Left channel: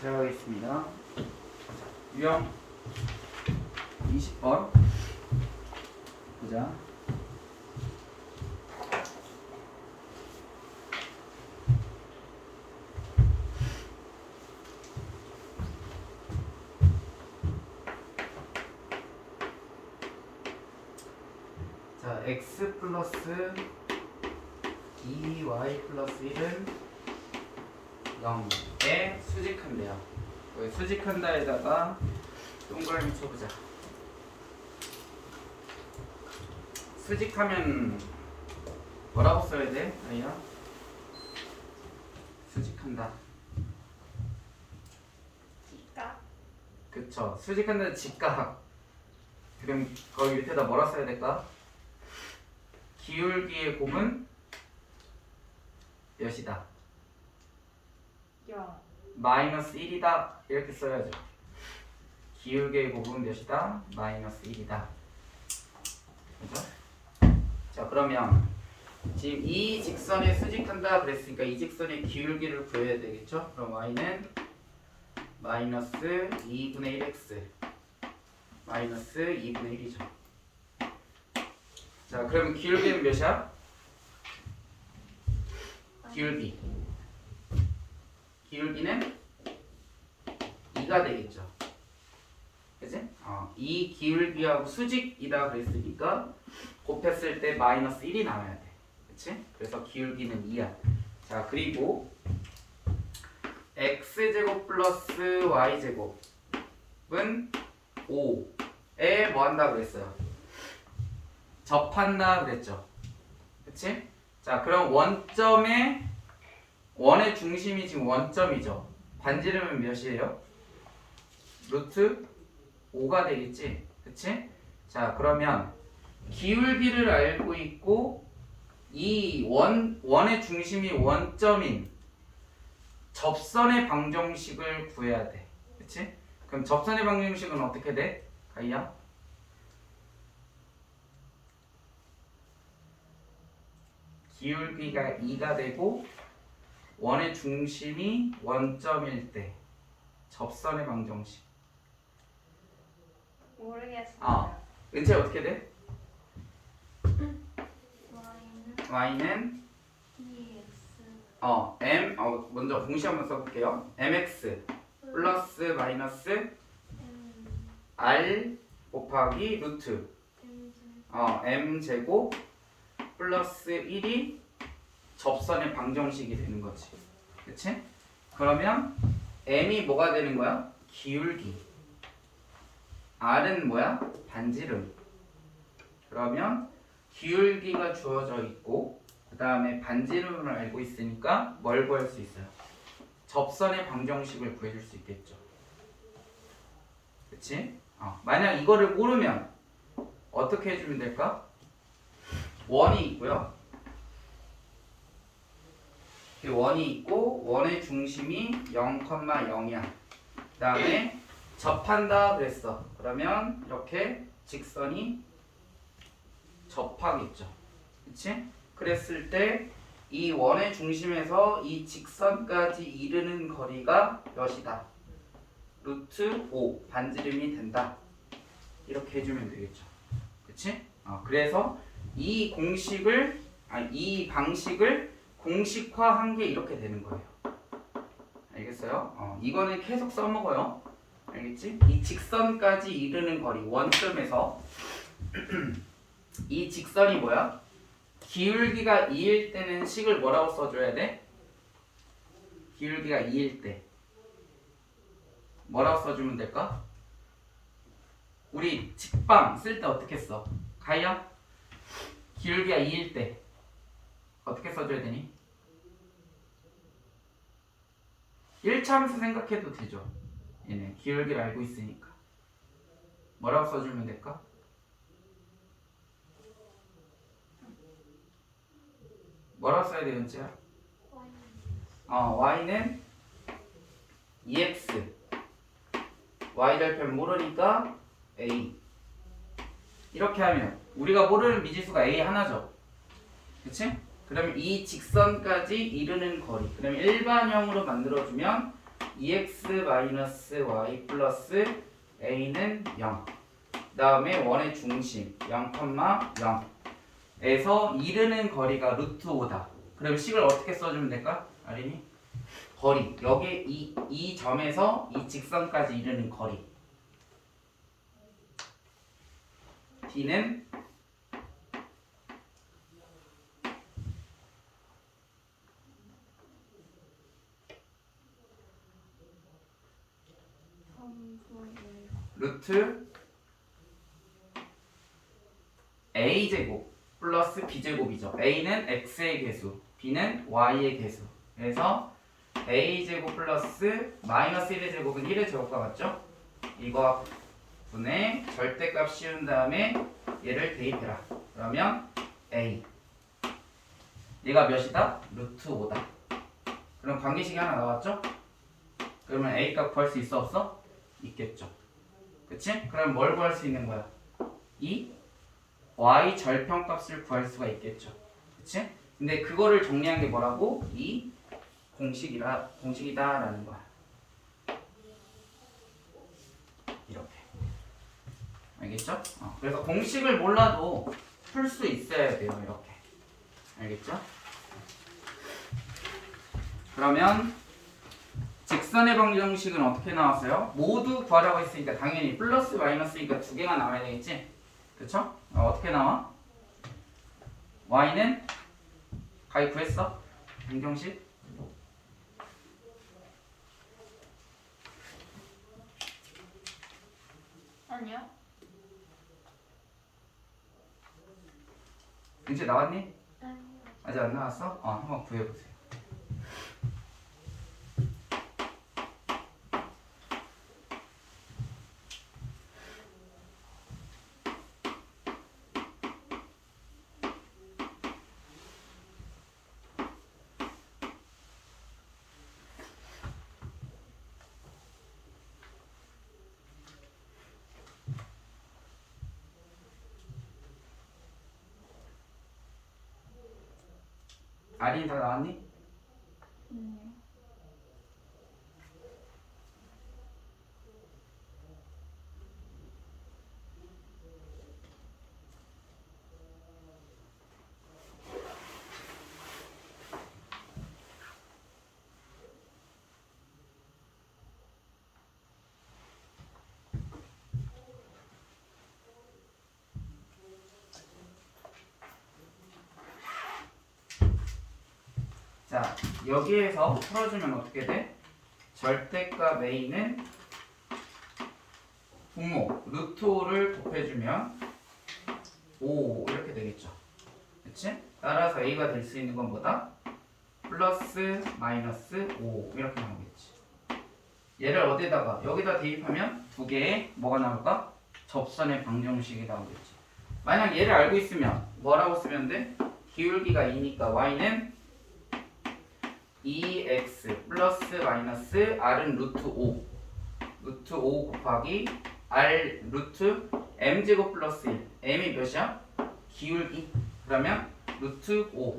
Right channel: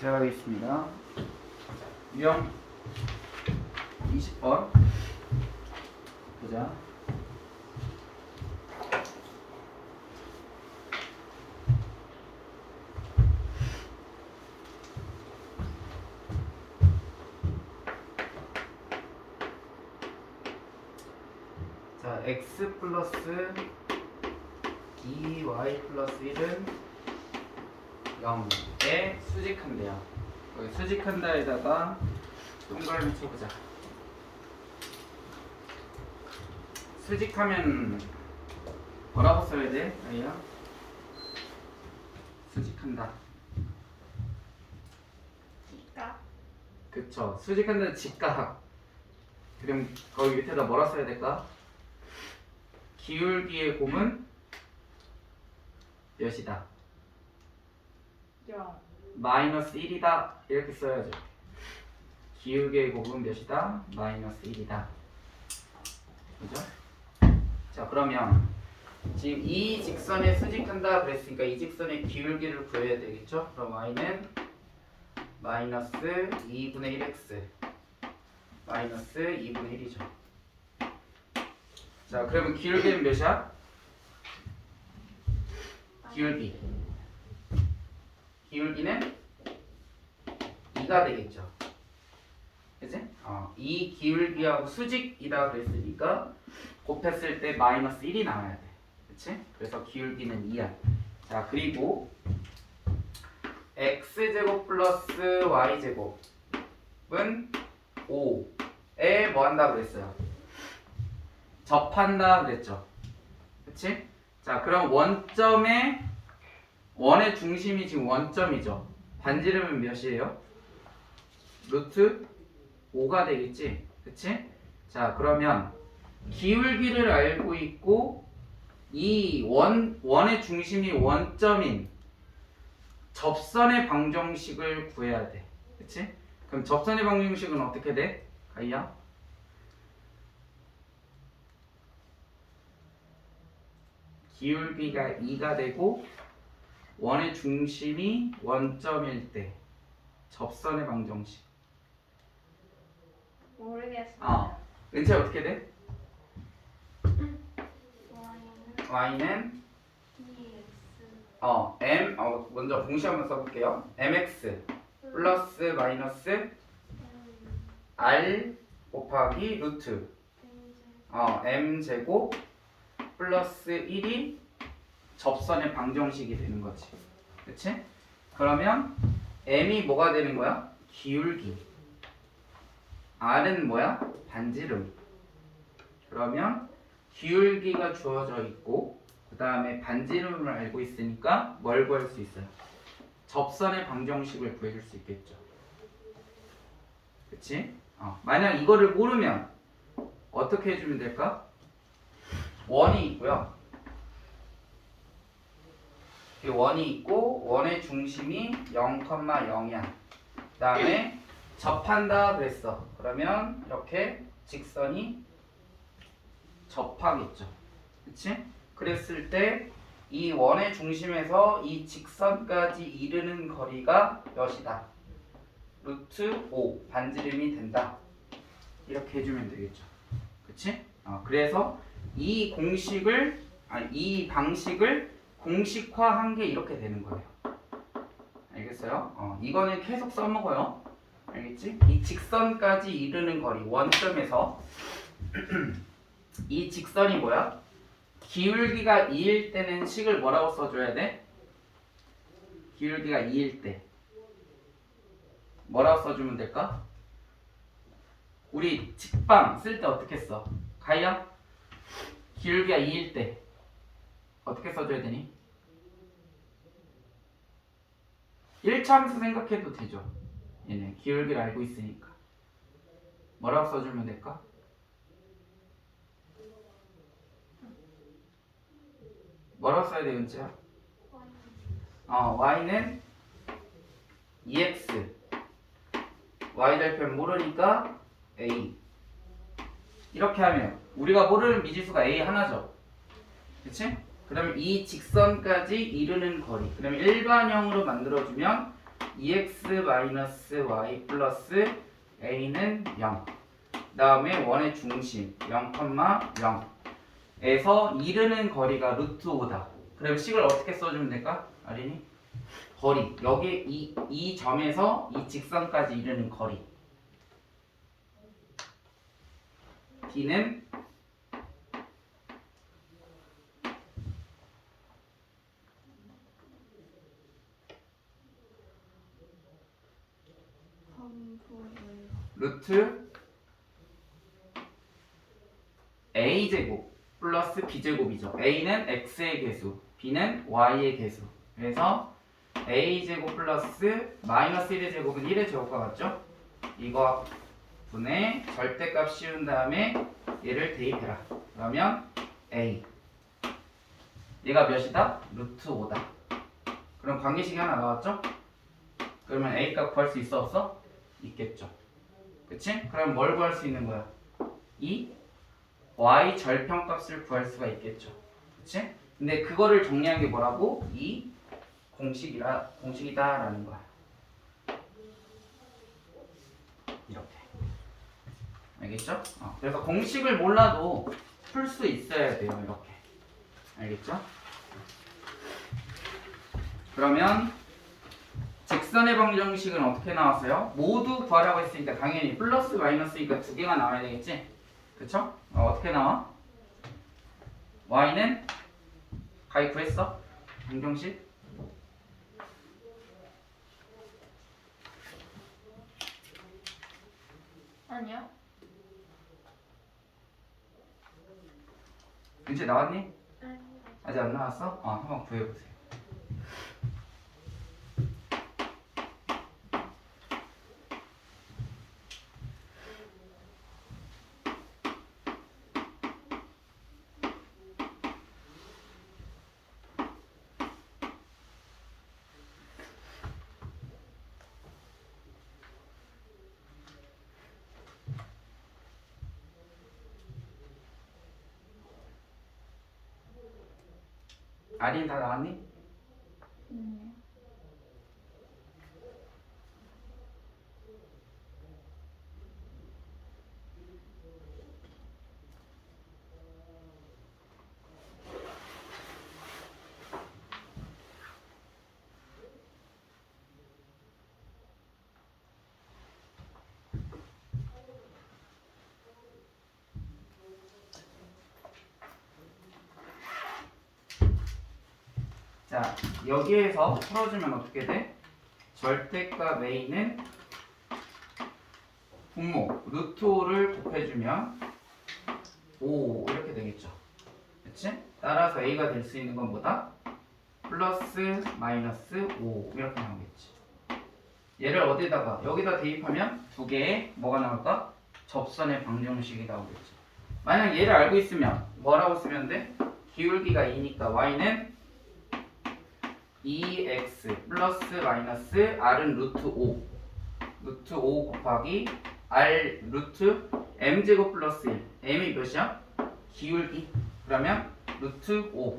들어가겠습니다. 유형 20번 보자. 자, x 플러스 2y 플러스 1은 0에 수직한대요. 여기 수직한다에다가 동그라미 쳐보자. 수직하면 뭐라고 써야 돼? 아이야? 수직한다. 직각. 그쵸. 수직한다는 직각. 그럼 거기 밑에다 뭐라 써야 될까? 기울기의 곱은 몇이다? 0. 마이너스 1이다. 이렇게 써야죠. 기울기의 곱은 몇이다? 마이너스 1이다. 그죠? 자, 그러면 지금 이 직선에 수직한다 그랬으니까 이 직선의 기울기를 구해야 되겠죠? 그럼 y는 마이너스 2분의 1x 마이너스 2분의 1이죠. 자, 그러면 기울기는 몇이야? 기울기는 2가 되겠죠. 그치? 이 기울기하고 수직이라 그랬으니까 곱했을 때 마이너스 1이 나와야 돼. 그치? 그래서 기울기는 2야. 자, 그리고 x제곱 플러스 y제곱은 5에 뭐 한다 그랬어요? 접한다 그랬죠. 그치? 자, 그럼 원의 중심이 지금 원점이죠. 반지름은 몇이에요? 루트 5가 되겠지. 그치? 자, 그러면 기울기를 알고 있고 이 원의 중심이 원점인 접선의 방정식을 구해야 돼. 그치? 그럼 접선의 방정식은 어떻게 돼? 가이야? 기울기가 2가 되고 원의 중심이 원점일 때 접선의 방정식. 모르겠어요. 은채 어떻게 돼? y는 y는 2x 먼저 공식 한번 써볼게요. mx 플러스 마이너스 r 곱하기 루트 m제곱 플러스 1이 접선의 방정식이 되는 거지. 그치? 그러면 m이 뭐가 되는 거야? 기울기. r은 뭐야? 반지름. 그러면 기울기가 주어져 있고 그 다음에 반지름을 알고 있으니까 뭘 구할 수 있어요? 접선의 방정식을 구해줄 수 있겠죠. 그치? 만약 이거를 모르면 어떻게 해주면 될까? 원이 있고요. 원이 있고 원의 중심이 0,0이야. 그 다음에 접한다 그랬어. 그러면 이렇게 직선이 접하겠죠. 그치? 그랬을 때 이 원의 중심에서 이 직선까지 이르는 거리가 몇이다? 루트 5 반지름이 된다. 이렇게 해주면 되겠죠. 그치? 그래서 이 방식을 공식화한 게 이렇게 되는 거예요. 알겠어요? 이거는 계속 써먹어요. 알겠지? 이 직선까지 이르는 거리, 원점에서 이 직선이 뭐야? 기울기가 2일 때는 식을 뭐라고 써줘야 돼? 기울기가 2일 때 뭐라고 써주면 될까? 우리 직방 쓸 때 어떻게 써? 가이야? 기울기가 2일 때 어떻게 써줘야 되니? 1차함수 생각해도 되죠. 얘네 기울기를 알고 있으니까 뭐라고 써주면 될까? 뭐라고 써야 돼, 은지야? y는 2x y절편 모르니까 a. 이렇게 하면 우리가 모르는 미지수가 a 하나죠. 그치? 그러면 이 직선까지 이르는 거리, 그러면 일반형으로 만들어주면 2x-y 플러스 a는 0. 그 다음에 원의 중심 0,0에서 이르는 거리가 루트 5다. 그럼 식을 어떻게 써주면 될까? 아린이? 거리. 여기 이 점에서 이 직선까지 이르는 거리. d는 루트 a제곱 플러스 b제곱이죠. a는 x의 개수, b는 y의 개수. 그래서 a제곱 플러스 마이너스 1의 제곱은 1의 제곱과 같죠? 이거 분의 절대값 씌운 다음에 얘를 대입해라. 그러면 a 얘가 몇이다? 루트 5다. 그럼 관계식이 하나 나왔죠? 그러면 a 값 구할 수 있어 없어? 있겠죠. 그치? 그럼 뭘 구할 수 있는 거야? 이 y 절편값을 구할 수가 있겠죠. 그치? 근데 그거를 정리한 게 뭐라고? 이 공식이다라는 거야. 이렇게. 알겠죠? 그래서 공식을 몰라도 풀 수 있어야 돼요. 이렇게. 알겠죠? 그러면 직선의 방정식은 어떻게 나왔어요? 모두 구하라고 했으니까 당연히 플러스 마이너스니까 두 개가 나와야 되겠지? 그쵸? 어떻게 나와? y는 가히 구했어? 방정식? 아니요. 이제 나왔니? 아니요. 아직 안 나왔어? 한번 구해보세요. 아린 다 나왔니? 자, 여기에서 풀어주면 어떻게 돼? 절대값 a는 분모 루트 5를 곱해주면 5 이렇게 되겠죠. 그치? 따라서 a가 될 수 있는 건 뭐다? 플러스 마이너스 5 이렇게 나오겠지. 얘를 어디다가 여기다 대입하면 두 개의 뭐가 나올까? 접선의 방정식이 나오겠지. 만약 얘를 알고 있으면 뭐라고 쓰면 돼? 기울기가 2니까 y는 2x 플러스 마이너스 r은 루트 5 루트 5 곱하기 r 루트 m제곱 플러스 1 m이 몇이야? 기울기. 그러면 루트 5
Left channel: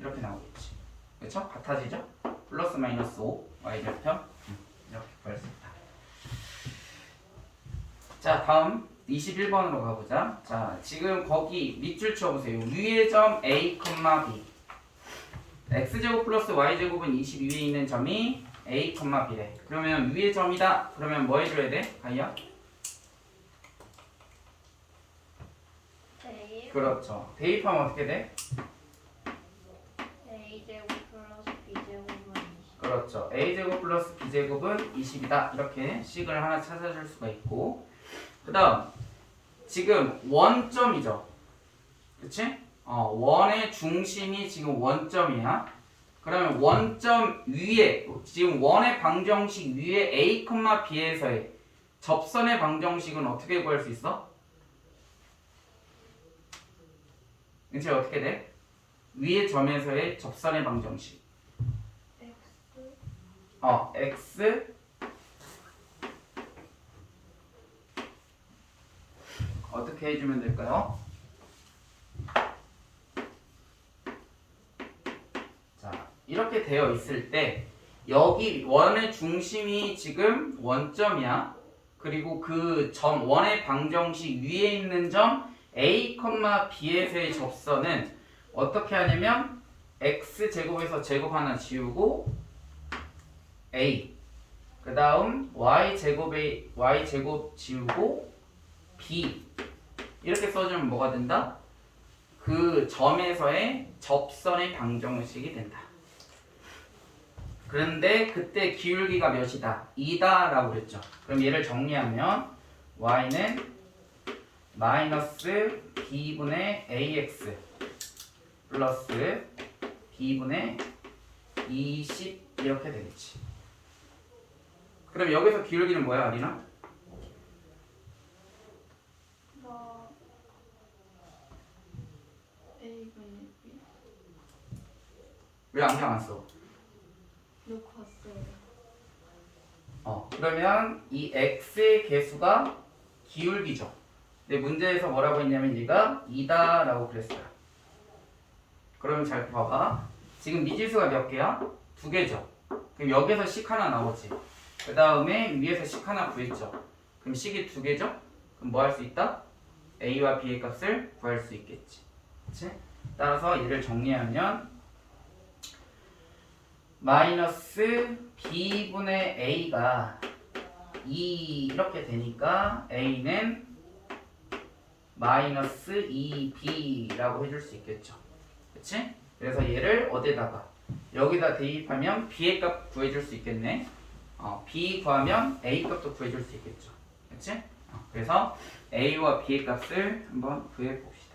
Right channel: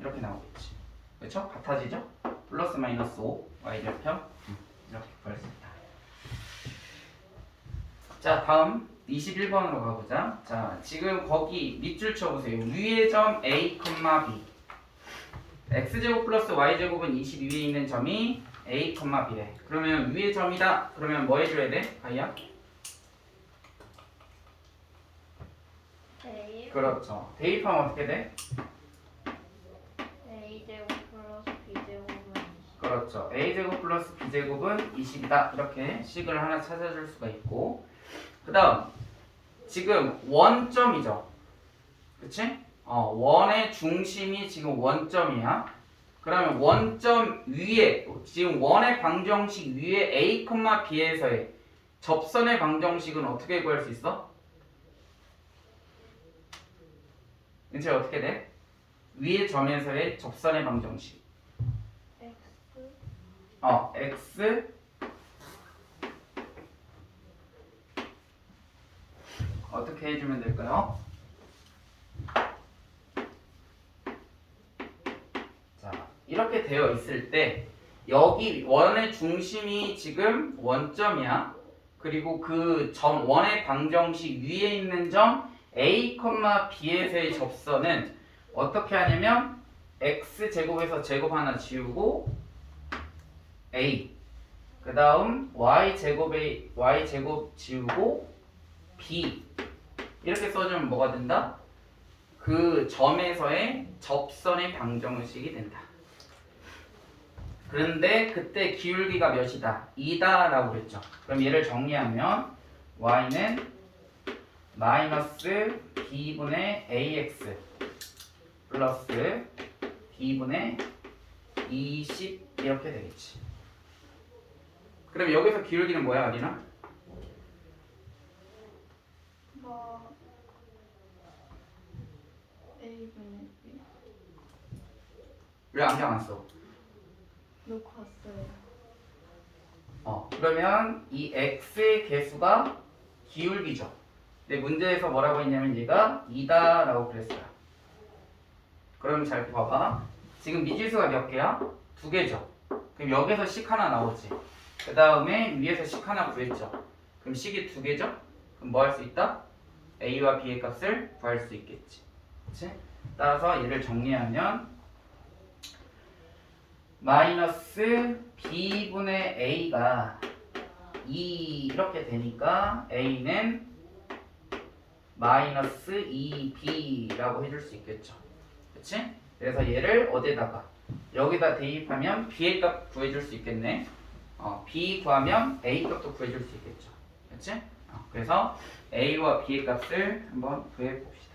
이렇게 나오겠지. 그렇죠? 같아지죠? 플러스 마이너스 5 y절편 이렇게 구할 수 있다. 자, 다음 21번으로 가보자. 자, 지금 거기 밑줄 쳐보세요. 위의 점 a, b x제곱 플러스 y제곱은 22위에 있는 점이 a, b래. 그러면 위의 점이다. 그러면 뭐 해줘야 돼? 가희야? 대입. 그렇죠. 대입하면 어떻게 돼? a제곱 플러스 b제곱은 20. 그렇죠. a제곱 플러스 b제곱은 20이다. 이렇게 식을 하나 찾아줄 수가 있고, 그 다음 지금 원점이죠. 그치? 원의 중심이 지금 원점이야. 그러면 원점 위에 지금 원의 방정식 위에 a, b에서의 접선의 방정식은 어떻게 구할 수 있어? 이제 어떻게 돼? 위의 점에서의 접선의 방정식. x 어떻게 해주면 될까요? 자, 이렇게 되어 있을 때 여기 원의 중심이 지금 원점이야. 그리고 그 점 원의 방정식 위에 있는 점 a, b에서의 접선은 어떻게 하냐면 x제곱에서 제곱 하나 지우고 a 그 다음 y제곱 지우고 b 이렇게 써주면 뭐가 된다? 그 점에서의 접선의 방정식이 된다. 그런데 그때 기울기가 몇이다? 2다 라고 그랬죠. 그럼 얘를 정리하면 y는 마이너스 b분의 ax 플러스 b분의 20 이렇게 되겠지. 그럼 여기서 기울기는 뭐야, 아리나? 뭐 A분의 B 왜 안경 안 써? 놓고 왔어요. 그러면 이 x의 개수가 기울기죠. 근데 문제에서 뭐라고 했냐면 얘가 2다 라고 그랬어요. 그럼 잘 봐봐. 지금 미지수가 몇 개야? 2개죠. 그럼 여기서 식 하나 나오지. 그 다음에 위에서 식 하나 구했죠. 그럼 식이 2개죠? 그럼 뭐 할 수 있다? a와 b의 값을 구할 수 있겠지. 그치? 따라서 얘를 정리하면 마이너스 b분의 a가 2 이렇게 되니까 a는 마이너스 2b라고 해줄 수 있겠죠. 그치? 그래서 얘를 어디다가 여기다 대입하면 b의 값 구해줄 수 있겠네. b 구하면 a 값도 구해줄 수 있겠죠. 그치? 그래서 a와 b의 값을 한번 구해봅시다.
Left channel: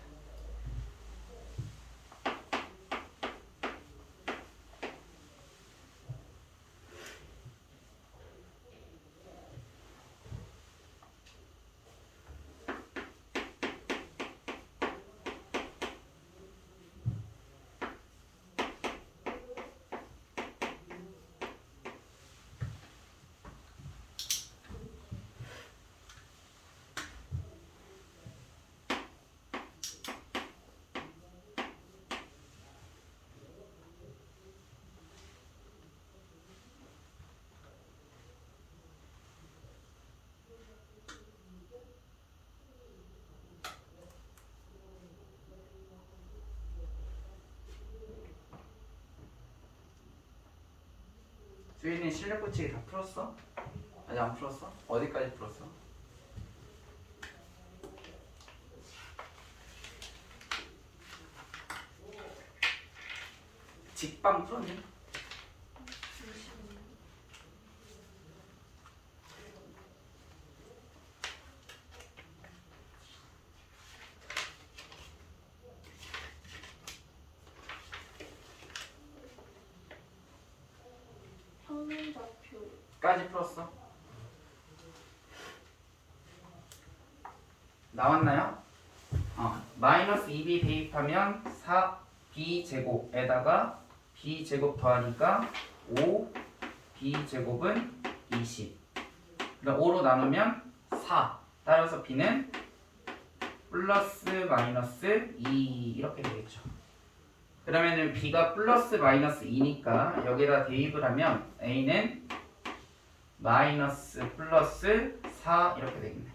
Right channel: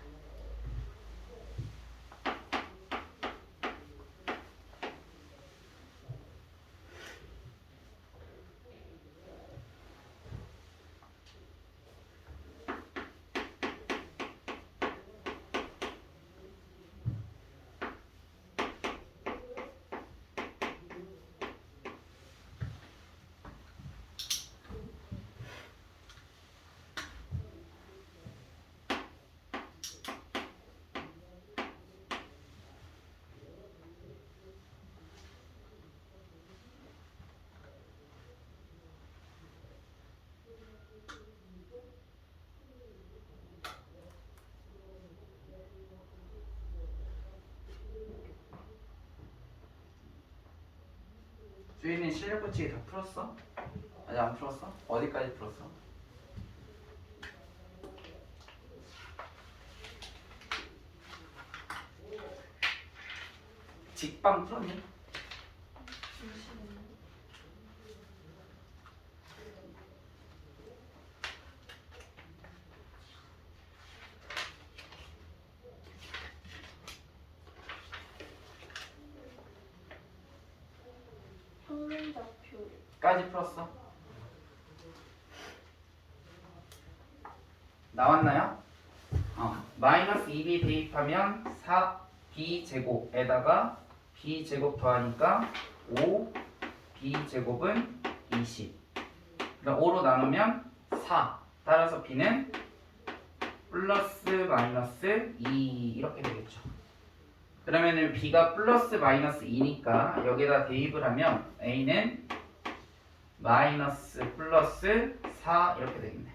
주인이 실력 붙이기 다 풀었어? 아직 안 풀었어? 어디까지 풀었어? 직방 풀었니? 까지 풀었어? 나왔나요? 마이너스 2b 대입하면 4b제곱에다가 b제곱 더하니까 5b제곱은 20. 그럼 5로 나누면 4. 따라서 b는 플러스 마이너스 2 이렇게 되겠죠. 그러면은 b가 플러스 마이너스 2니까 여기다 대입을 하면 a는 마이너스 플러스 4 이렇게 되겠네.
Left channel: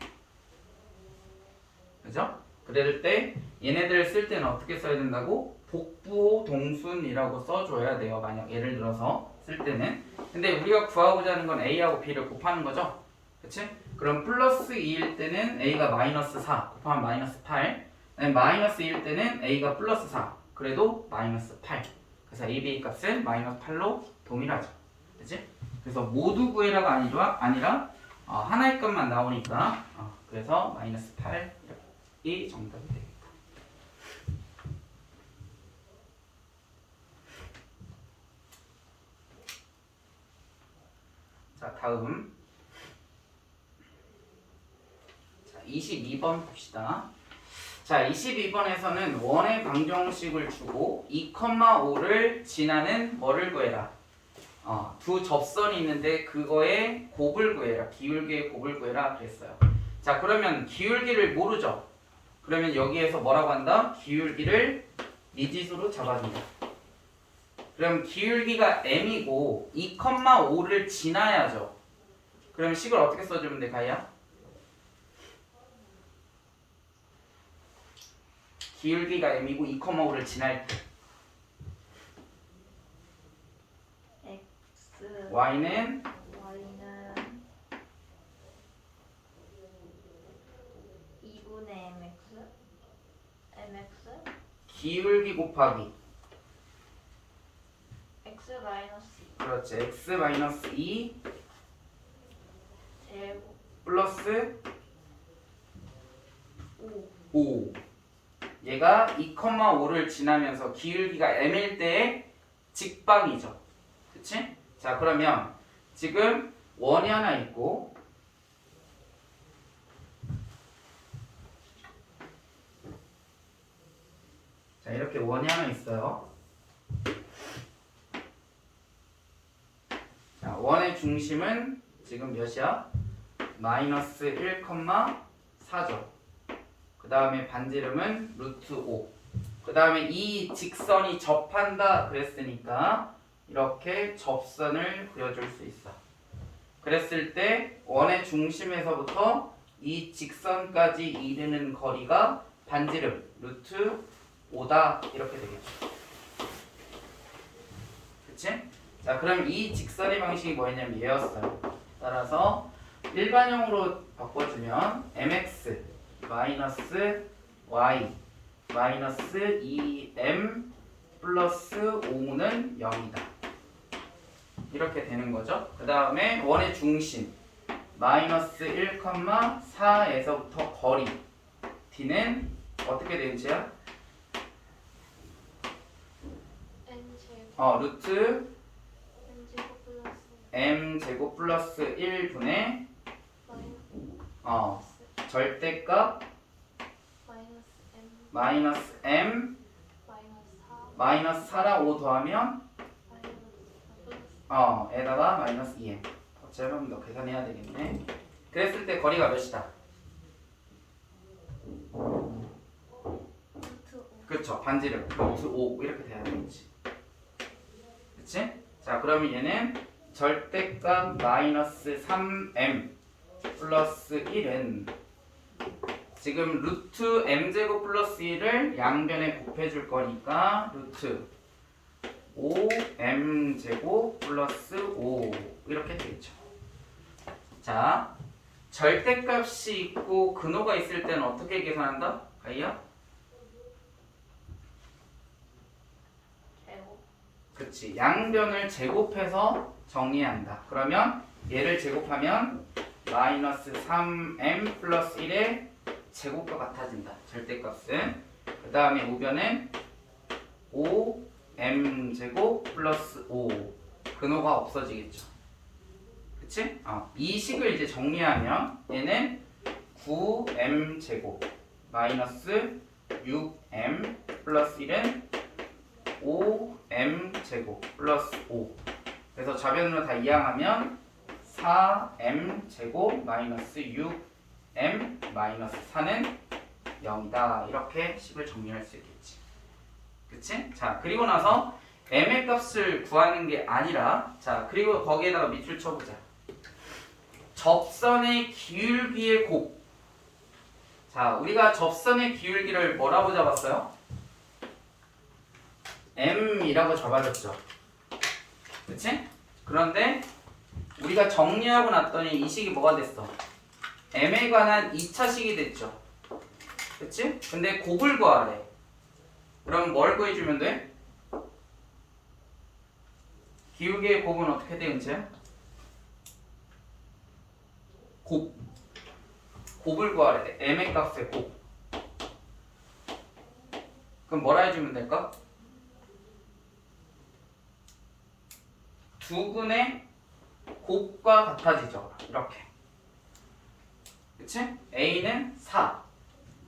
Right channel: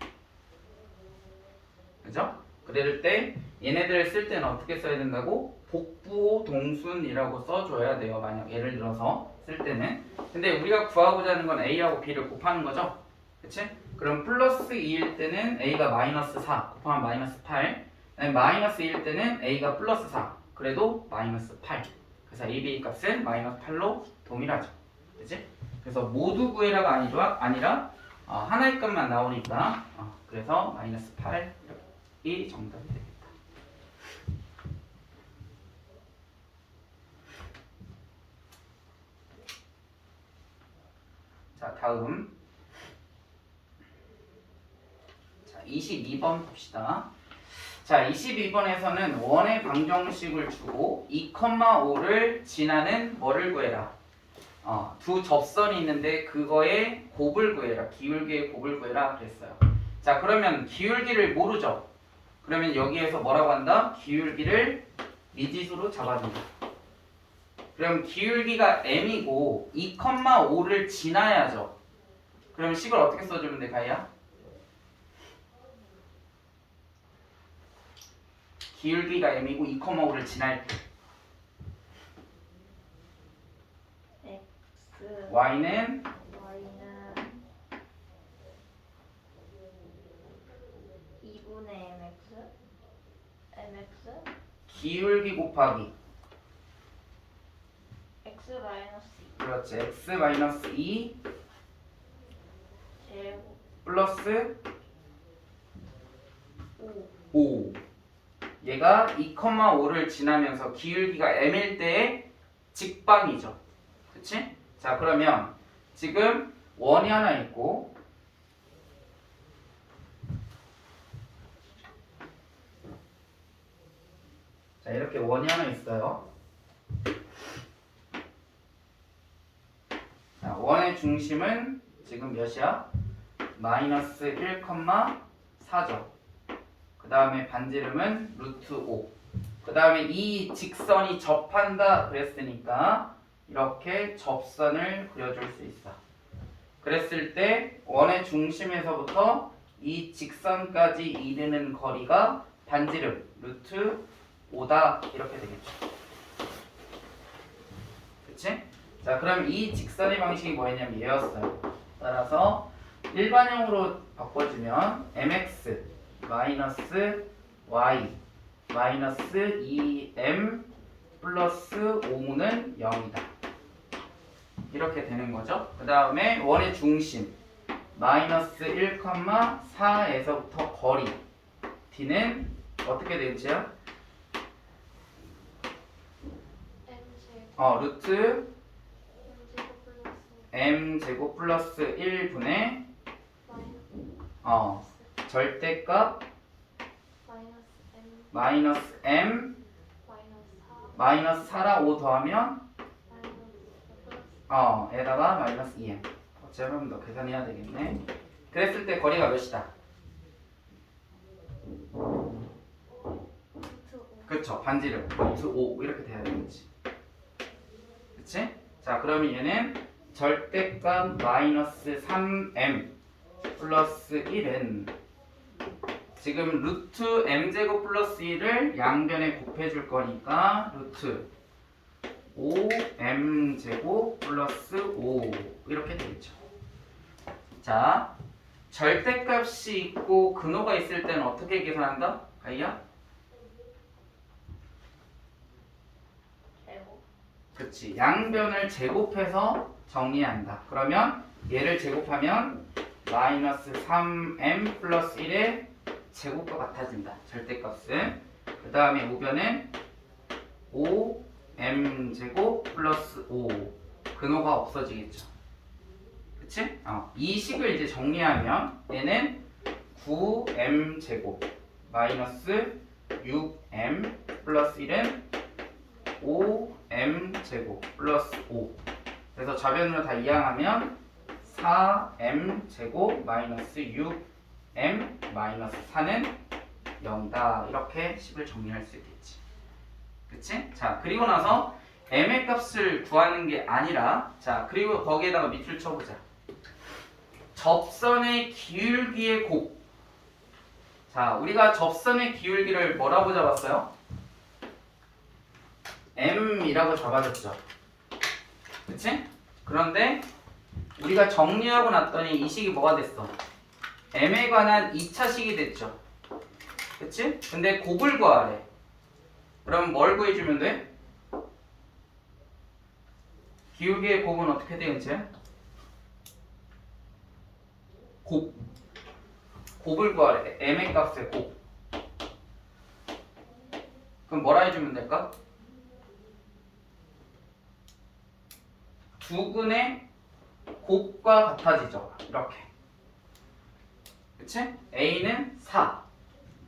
그죠? 그럴 때 얘네들을 쓸 때는 어떻게 써야 된다고? 복부호 동순이라고 써줘야 돼요. 만약 예를 들어서 쓸 때는. 근데 우리가 구하고자 하는 건 a하고 b를 곱하는 거죠. 그치? 그럼 플러스 2일 때는 a가 마이너스 4 곱하면 마이너스 8. 마이너스 2일 때는 a가 플러스 4 그래도 마이너스 8. 그래서 a, b 값은 마이너스 8로 동일하죠. 그치? 그래서 모두 구해라가 아니라 하나의 값만 나오니까 그래서 마이너스 8이 정답이 되겠다. 자, 다음 22번 봅시다. 자, 22번에서는 원의 방정식을 주고 2,5를 지나는 뭐를 구해라? 두 접선이 있는데 그거의 곱을 구해라. 기울기의 곱을 구해라 그랬어요. 자, 그러면 기울기를 모르죠? 그러면 여기에서 뭐라고 한다? 기울기를 미지수로 잡아준다. 그럼 기울기가 m이고 2,5를 지나야죠. 그럼 식을 어떻게 써주면 돼, 가희야? 기울기가 m이고 2,5를 지날 때 x y는 y는 2분의 mx 기울기 곱하기 x 마이너스 2 그렇지 x 마이너스 2 제곱 플러스 5 5 얘가 2,5를 지나면서 기울기가 m일 때의 직방이죠. 그치? 자 그러면 지금 원이 하나 있고 자 이렇게 원이 하나 있어요. 자 원의 중심은 지금 몇이야? 마이너스 1,4죠. 그 다음에 반지름은 루트 5. 그 다음에 이 직선이 접한다 그랬으니까 이렇게 접선을 그려줄 수 있어. 그랬을 때 원의 중심에서부터 이 직선까지 이르는 거리가 반지름 루트 5다 이렇게 되겠죠. 그치? 자 그럼 이 직선의 방식이 뭐였냐면 얘였어요. 따라서 일반형으로 바꿔주면 mx 마이너스 y 마이너스 2m 플러스 5는 0이다. 이렇게 되는 거죠. 그 다음에 원의 중심 마이너스 1,4에서부터 거리 d는 어떻게 되는지야? 루트 m제곱 플러스 1분의 절대값 마이너스 m 마이너스 4랑 5 더하면 에다가 마이너스 2m 어차피 한 번 더 계산해야 되겠네. 그랬을 때 거리가 몇이다? 그쵸 반지름 루트 5 이렇게 돼야 되겠지. 그치? 자 그러면 얘는 절대값 마이너스 3m 플러스 1은 지금 루트 m제곱 플러스 1을 양변에 곱해줄 거니까 루트 5m제곱 플러스 5 이렇게 되겠죠. 자 절대값이 있고 근호가 있을 때는 어떻게 계산한다? 가희야? 제곱 그치 양변을 제곱해서 정리한다. 그러면 얘를 제곱하면 마이너스 3m 플러스 1의 제곱과 같아진다. 절대값은. 그 다음에 우변은 5m제곱 플러스 5 근호가 없어지겠죠. 그치? 이 식을 이제 정리하면 얘는 9m제곱 마이너스 6m 플러스 1은 5m제곱 플러스 5 그래서 좌변으로 다 이항하면 4m제곱 마이너스 6m 마이너스 4는 0이다. 이렇게 식을 정리할 수 있겠지. 그치? 자 그리고 나서 m의 값을 구하는 게 아니라 자 그리고 거기에다가 밑줄 쳐보자. 접선의 기울기의 곱. 자 우리가 접선의 기울기를 뭐라고 잡았어요? m이라고 잡아줬죠. 그치? 그런데 우리가 정리하고 났더니 이 식이 뭐가 됐어? m에 관한 2차식이 됐죠. 그치? 근데 곱을 구하래. 그럼 뭘 구해주면 돼? 기울기의 곱은 어떻게 되는지? 곱을 구하래. m의 값의 곱. 그럼 뭐라 해주면 될까? 두근의 곱과 같아지죠. 이렇게. 그치? A는 4,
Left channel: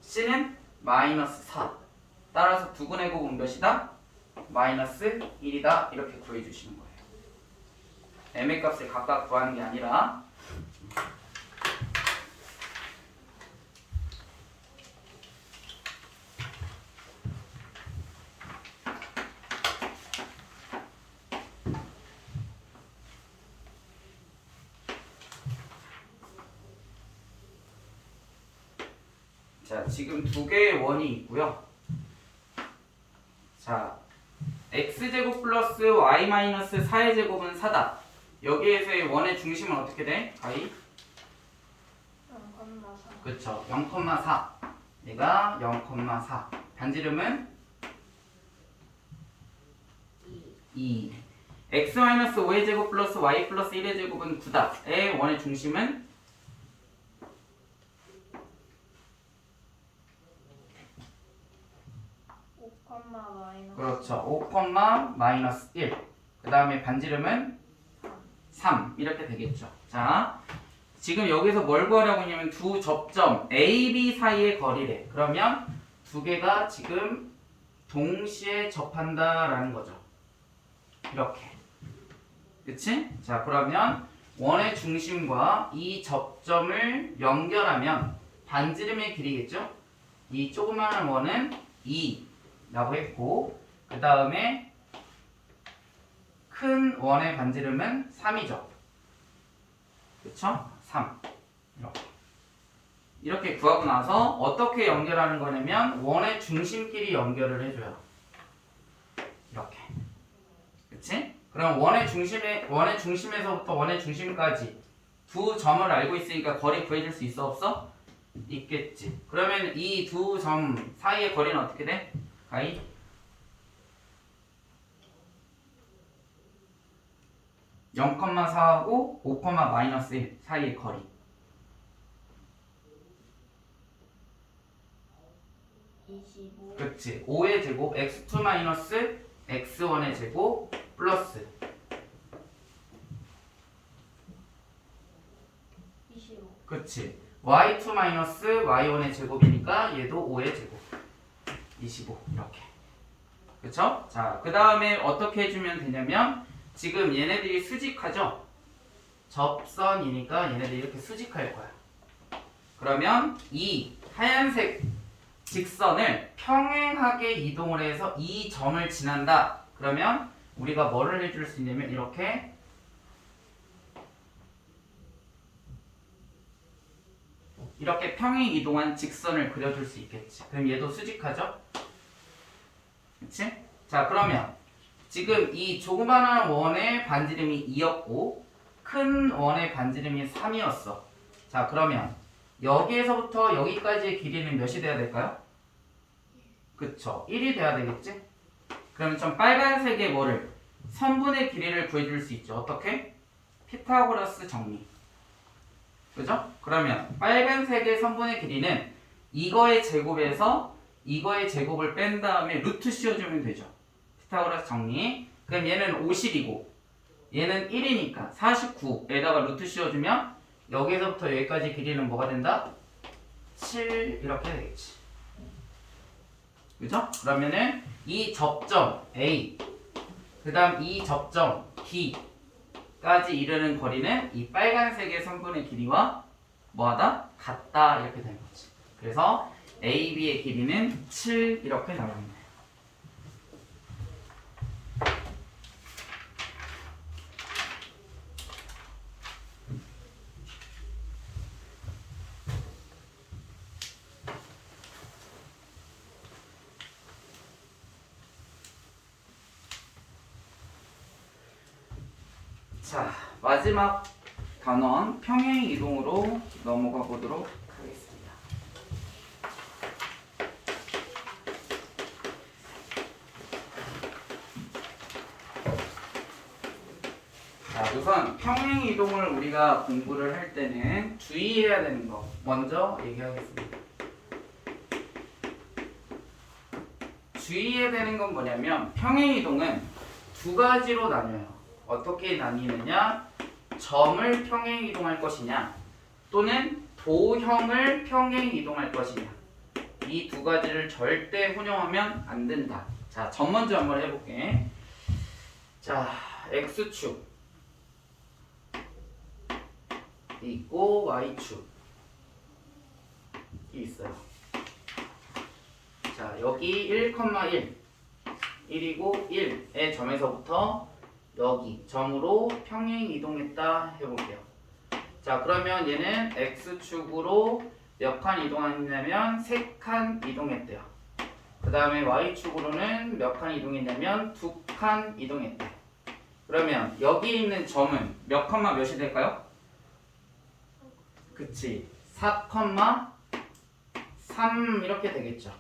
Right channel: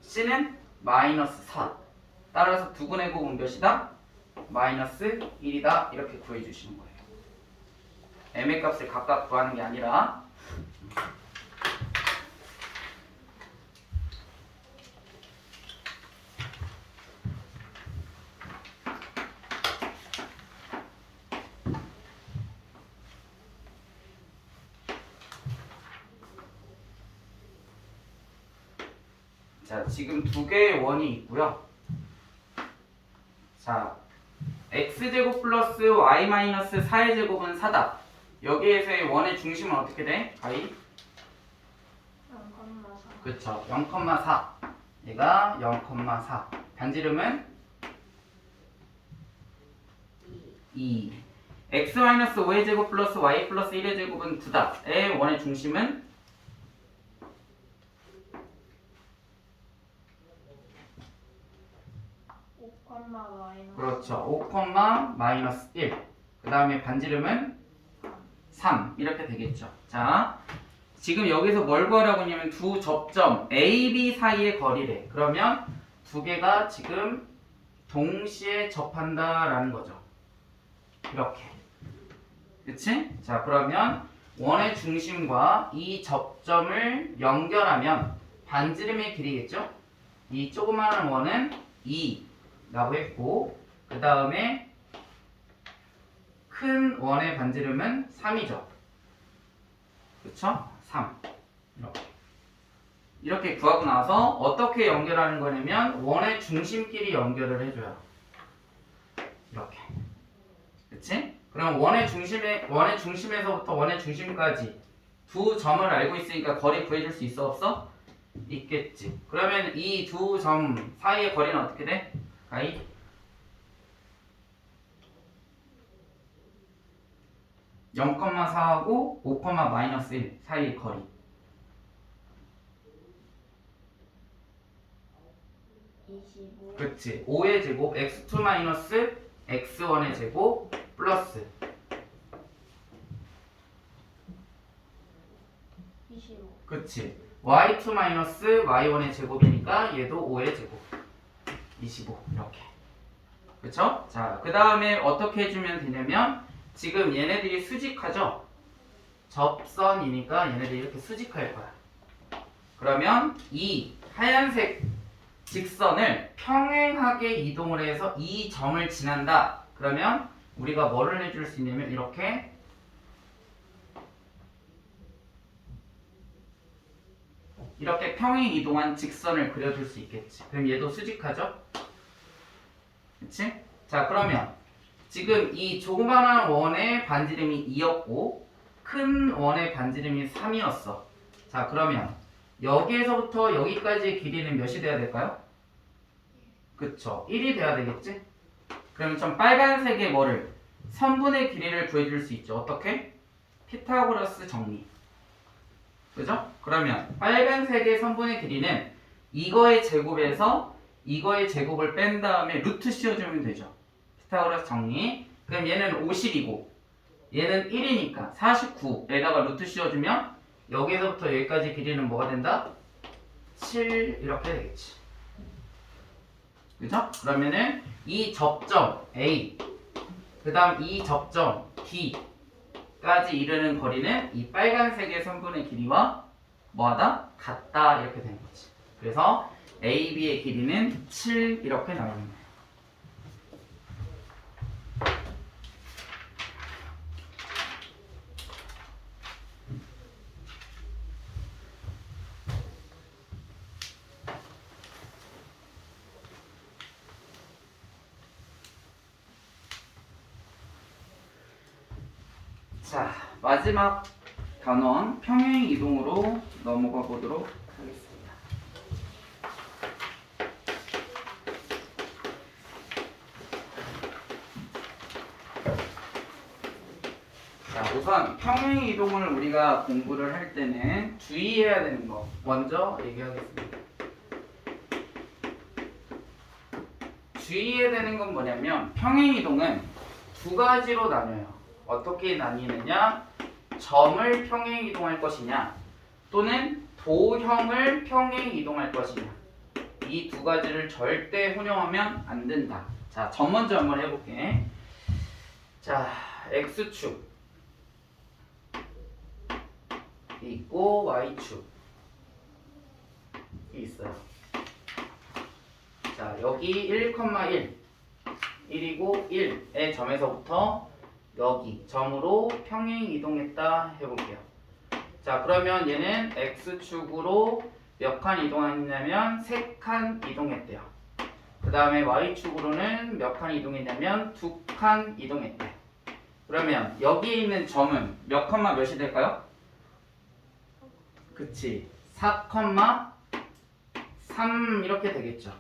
C는 마이너스 4. 따라서 두근의 곱은 몇이다? 마이너스 1이다. 이렇게 구해주시는 거예요. m의 값을 각각 구하는 게 아니라 자, 지금 두 개의 원이 있고요. 자, x제곱 플러스 y 마이너스 4의 제곱은 4다. 여기에서의 원의 중심은 어떻게 돼? 가이? 0,4. 그쵸. 0,4. 얘가 0,4. 반지름은 2. x 마이너스 5의 제곱 플러스 y 플러스 1의 제곱은 9다. 의 원의 중심은 5, 마이너스 그렇죠. 5, 마이너스 1. 그 다음에 반지름은 3. 이렇게 되겠죠. 자, 지금 여기서 뭘 구하려고 했냐면 두 접점 A, B 사이의 거리래. 그러면 두 개가 지금 동시에 접한다라는 거죠. 이렇게. 그치? 자, 그러면 원의 중심과 이 접점을 연결하면 반지름의 길이겠죠? 이 조그마한 원은 2라고 했고, 그 다음에 큰 원의 반지름은 3이죠. 그쵸? 3. 이렇게 구하고 나서 어떻게 연결하는 거냐면 원의 중심끼리 연결을 해줘요. 이렇게. 그치? 그럼 원의 중심에서부터 원의 중심까지 두 점을 알고 있으니까 거리 구해줄 수 있어 없어? 있겠지. 그러면 이 두 점 사이의 거리는 어떻게 돼? 가이? (0,4하고) (5, 마이너스 1) 사이의 거리. 25. 그치. 5의 제곱 x2 마이너스 x1의 제곱 플러스 25. 그치. y2 마이너스 y1의 제곱이니까 얘도 5의 제곱 25 이렇게. 그쵸? 자, 그 다음에 어떻게 해주면 되냐면 지금 얘네들이 수직하죠? 접선이니까 얘네들이 이렇게 수직할 거야. 그러면 이 하얀색 직선을 평행하게 이동을 해서 이 점을 지난다. 그러면 우리가 뭐를 해줄 수 있냐면 이렇게 평행 이동한 직선을 그려줄 수 있겠지. 그럼 얘도 수직하죠? 그치? 자, 그러면 지금 이 조그마한 원의 반지름이 2였고 큰 원의 반지름이 3이었어. 자, 그러면 여기에서부터 여기까지의 길이는 몇이 돼야 될까요? 그쵸. 1이 돼야 되겠지? 그러면 좀 빨간색의 뭐를? 선분의 길이를 구해줄 수 있죠. 어떻게? 피타고라스 정리. 그죠? 그러면 빨간색의 선분의 길이는 이거의 제곱에서 이거의 제곱을 뺀 다음에 루트 씌워주면 되죠. 피타고라스 정리. 그럼 얘는 50이고 얘는 1이니까 49에다가 루트 씌워주면 여기서부터 여기까지 길이는 뭐가 된다? 7 이렇게 되겠지. 그죠? 그러면은 이 접점 A 그 다음 이 접점 D까지 이르는 거리는 이 빨간색의 선분의 길이와 뭐하다? 같다 이렇게 되는 거지. 그래서 AB의 길이는 7 이렇게 나옵니다. 자, 마지막 단원 평행 이동으로 넘어가 보도록 하겠습니다. 자, 우선 평행 이동을 우리가 공부를 할 때는 주의해야 되는 거 먼저 얘기하겠습니다. 주의해야 되는 건 뭐냐면 평행 이동은 두 가지로 나뉘어요. 어떻게 나뉘느냐? 점을 평행 이동할 것이냐 또는 도형을 평행 이동할 것이냐. 이 두 가지를 절대 혼용하면 안 된다. 자, 점 먼저 한번 해볼게. 자, x축 있고 y축 있어요. 자, 여기 1,1 1이고 1의 점에서부터 여기 점으로 평행 이동했다 해볼게요. 자, 그러면 얘는 x축으로 몇 칸 이동했냐면 3칸 이동했대요. 그 다음에 y축으로는 몇 칸 이동했냐면 2칸 이동했대. 그러면 여기에 있는 점은 몇 컴마 몇이 될까요? 그치, 4,3 이렇게 되겠죠.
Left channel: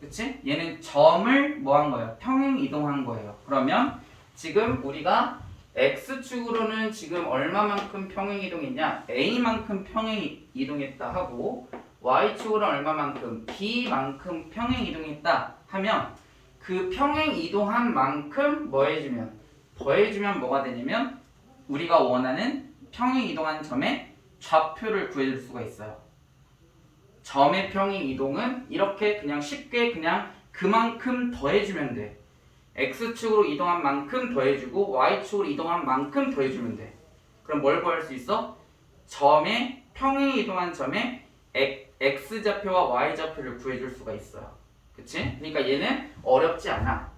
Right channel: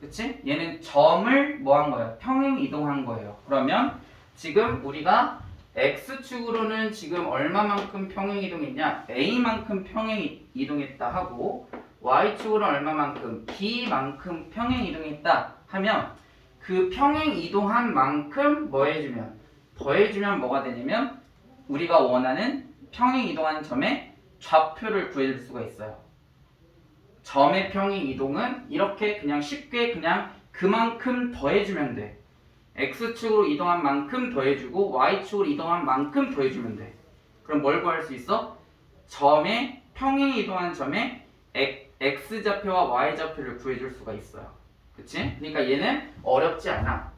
그치? 얘는 점을 뭐 한 거예요? 평행 이동한 거예요. 그러면 지금 우리가 x축으로는 지금 얼마만큼 평행 이동했냐? a만큼 평행 이동했다 하고 y축으로는 얼마만큼? b만큼 평행 이동했다 하면 그 평행 이동한 만큼 뭐 해주면? 더해주면 뭐가 되냐면 우리가 원하는 평행 이동한 점의 좌표를 구해줄 수가 있어요. 점의 평행 이동은 이렇게 그냥 쉽게 그냥 그만큼 더해주면 돼. x축으로 이동한 만큼 더해주고 y축으로 이동한 만큼 더해주면 돼. 그럼 뭘 구할 수 있어? 점의 평행 이동한 점의 x좌표와 y좌표를 구해줄 수가 있어요. 그치? 그러니까 얘는 어렵지 않아.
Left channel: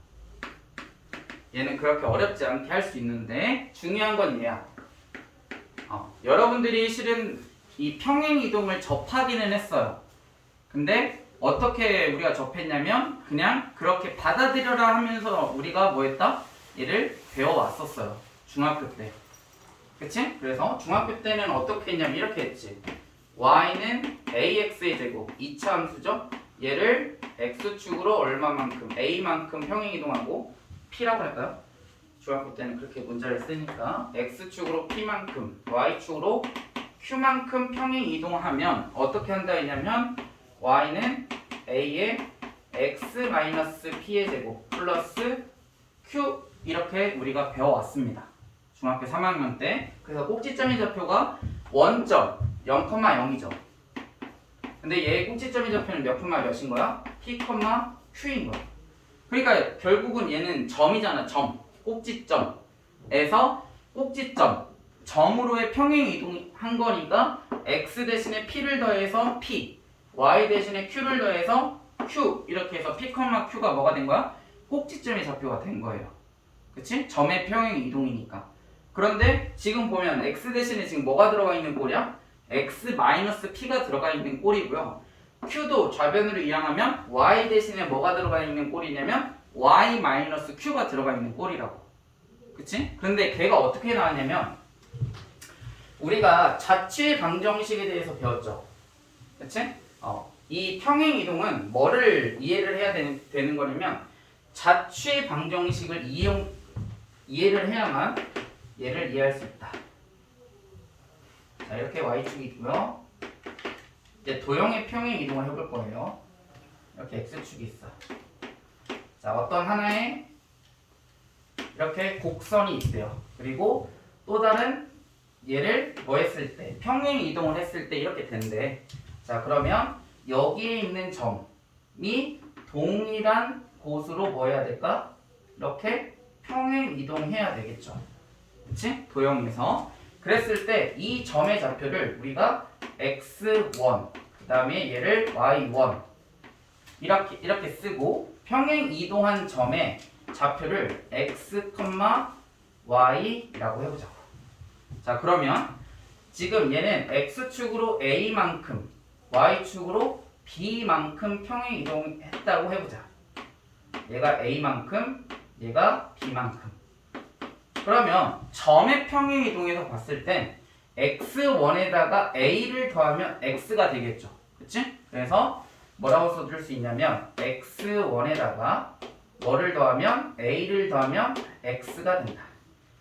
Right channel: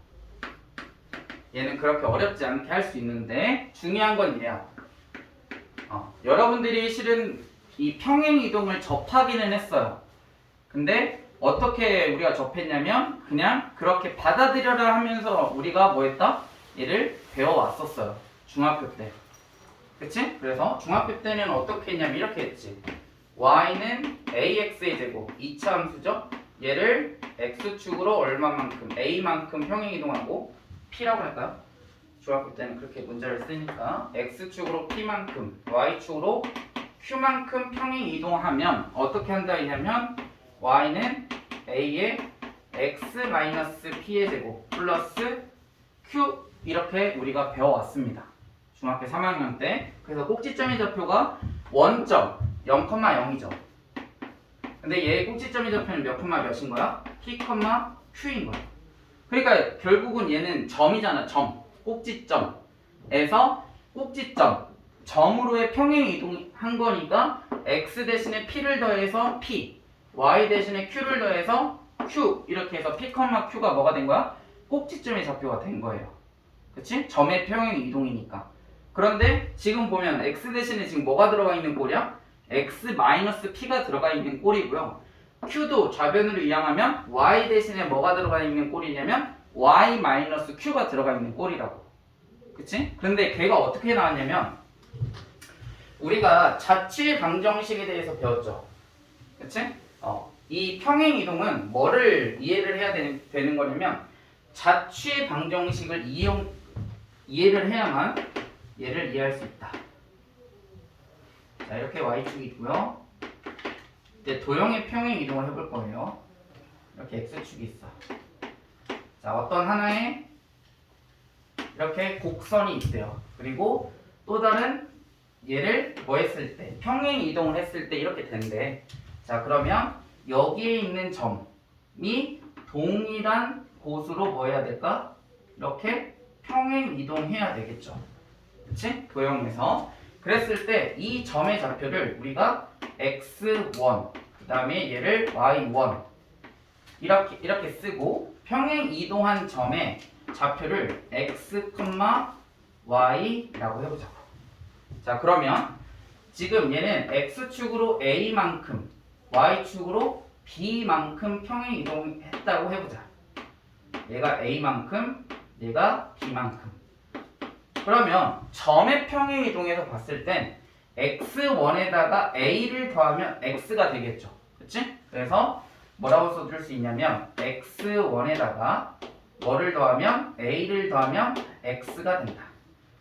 얘는 그렇게 어렵지 않게 할 수 있는데 중요한 건 얘야. 여러분들이 실은 이 평행 이동을 접하기는 했어요. 근데 어떻게 우리가 접했냐면 그냥 그렇게 받아들여라 하면서 우리가 뭐 했다? 얘를 배워왔었어요. 중학교 때. 그치? 그래서 중학교 때는 어떻게 했냐면 이렇게 했지. y는 ax의 제곱, 이차 함수죠? 얘를 x축으로 얼마만큼, a만큼 평행 이동하고 p라고 할까요? 중학교 때는 그렇게 문제를 쓰니까 x축으로 p만큼, y축으로 q만큼 평행 이동하면 어떻게 한다 했냐면 y는 a의 x-p의 제곱 플러스 q 이렇게 우리가 배워왔습니다. 중학교 3학년 때. 그래서 꼭지점의 좌표가 원점 0,0이죠. 근데 얘의 꼭지점의 좌표는 몇 콤마 몇인 거야? p, q인 거야. 그러니까 결국은 얘는 점이잖아. 점. 꼭지점에서 꼭지점 점으로의 평행 이동한 거니까 x 대신에 p를 더해서 p, y 대신에 q를 더해서 q 이렇게 해서 p, q가 뭐가 된 거야? 꼭지점의 좌표가 된 거예요. 그치? 점의 평행 이동이니까. 그런데 지금 보면 x 대신에 지금 뭐가 들어가 있는 꼴이야? x-p가 들어가 있는 꼴이고요. q도 좌변으로 이항하면 y 대신에 뭐가 들어가 있는 꼴이냐면 y-q가 들어가 있는 꼴이라고. 그치? 그런데 걔가 어떻게 나왔냐면 우리가 자취 방정식에 대해서 배웠죠. 그치? 이 평행 이동은 뭐를 이해를 해야 되는 거냐면 자취 방정식을 이해를 해야만 얘를 이해할 수 있다. 자, 이렇게 y축이고요. 이제 도형의 평행 이동을 해볼 거예요. 이렇게 x축이 있어. 자, 어떤 하나의 이렇게 곡선이 있대요. 그리고 또 다른 얘를 뭐 했을 때 평행 이동을 했을 때 이렇게 된대. 자, 그러면 여기에 있는 점이 동일한 곳으로 뭐 해야 될까? 이렇게 평행 이동해야 되겠죠. 그치? 도형에서. 그랬을 때 이 점의 좌표를 우리가 x1 그 다음에 얘를 y1 이렇게 쓰고 평행 이동한 점의 좌표를 x, y라고 해보자고. 자, 그러면 지금 얘는 x축으로 a만큼 y축으로 b만큼 평행 이동했다고 해보자. 얘가 a만큼 얘가 b만큼. 그러면 점의 평행 이동에서 봤을 땐 x1에다가 a를 더하면 x가 되겠죠. 그치? 그래서 뭐라고 써줄 수 있냐면 x1에다가 뭐를 더하면 a를 더하면 x가 된다.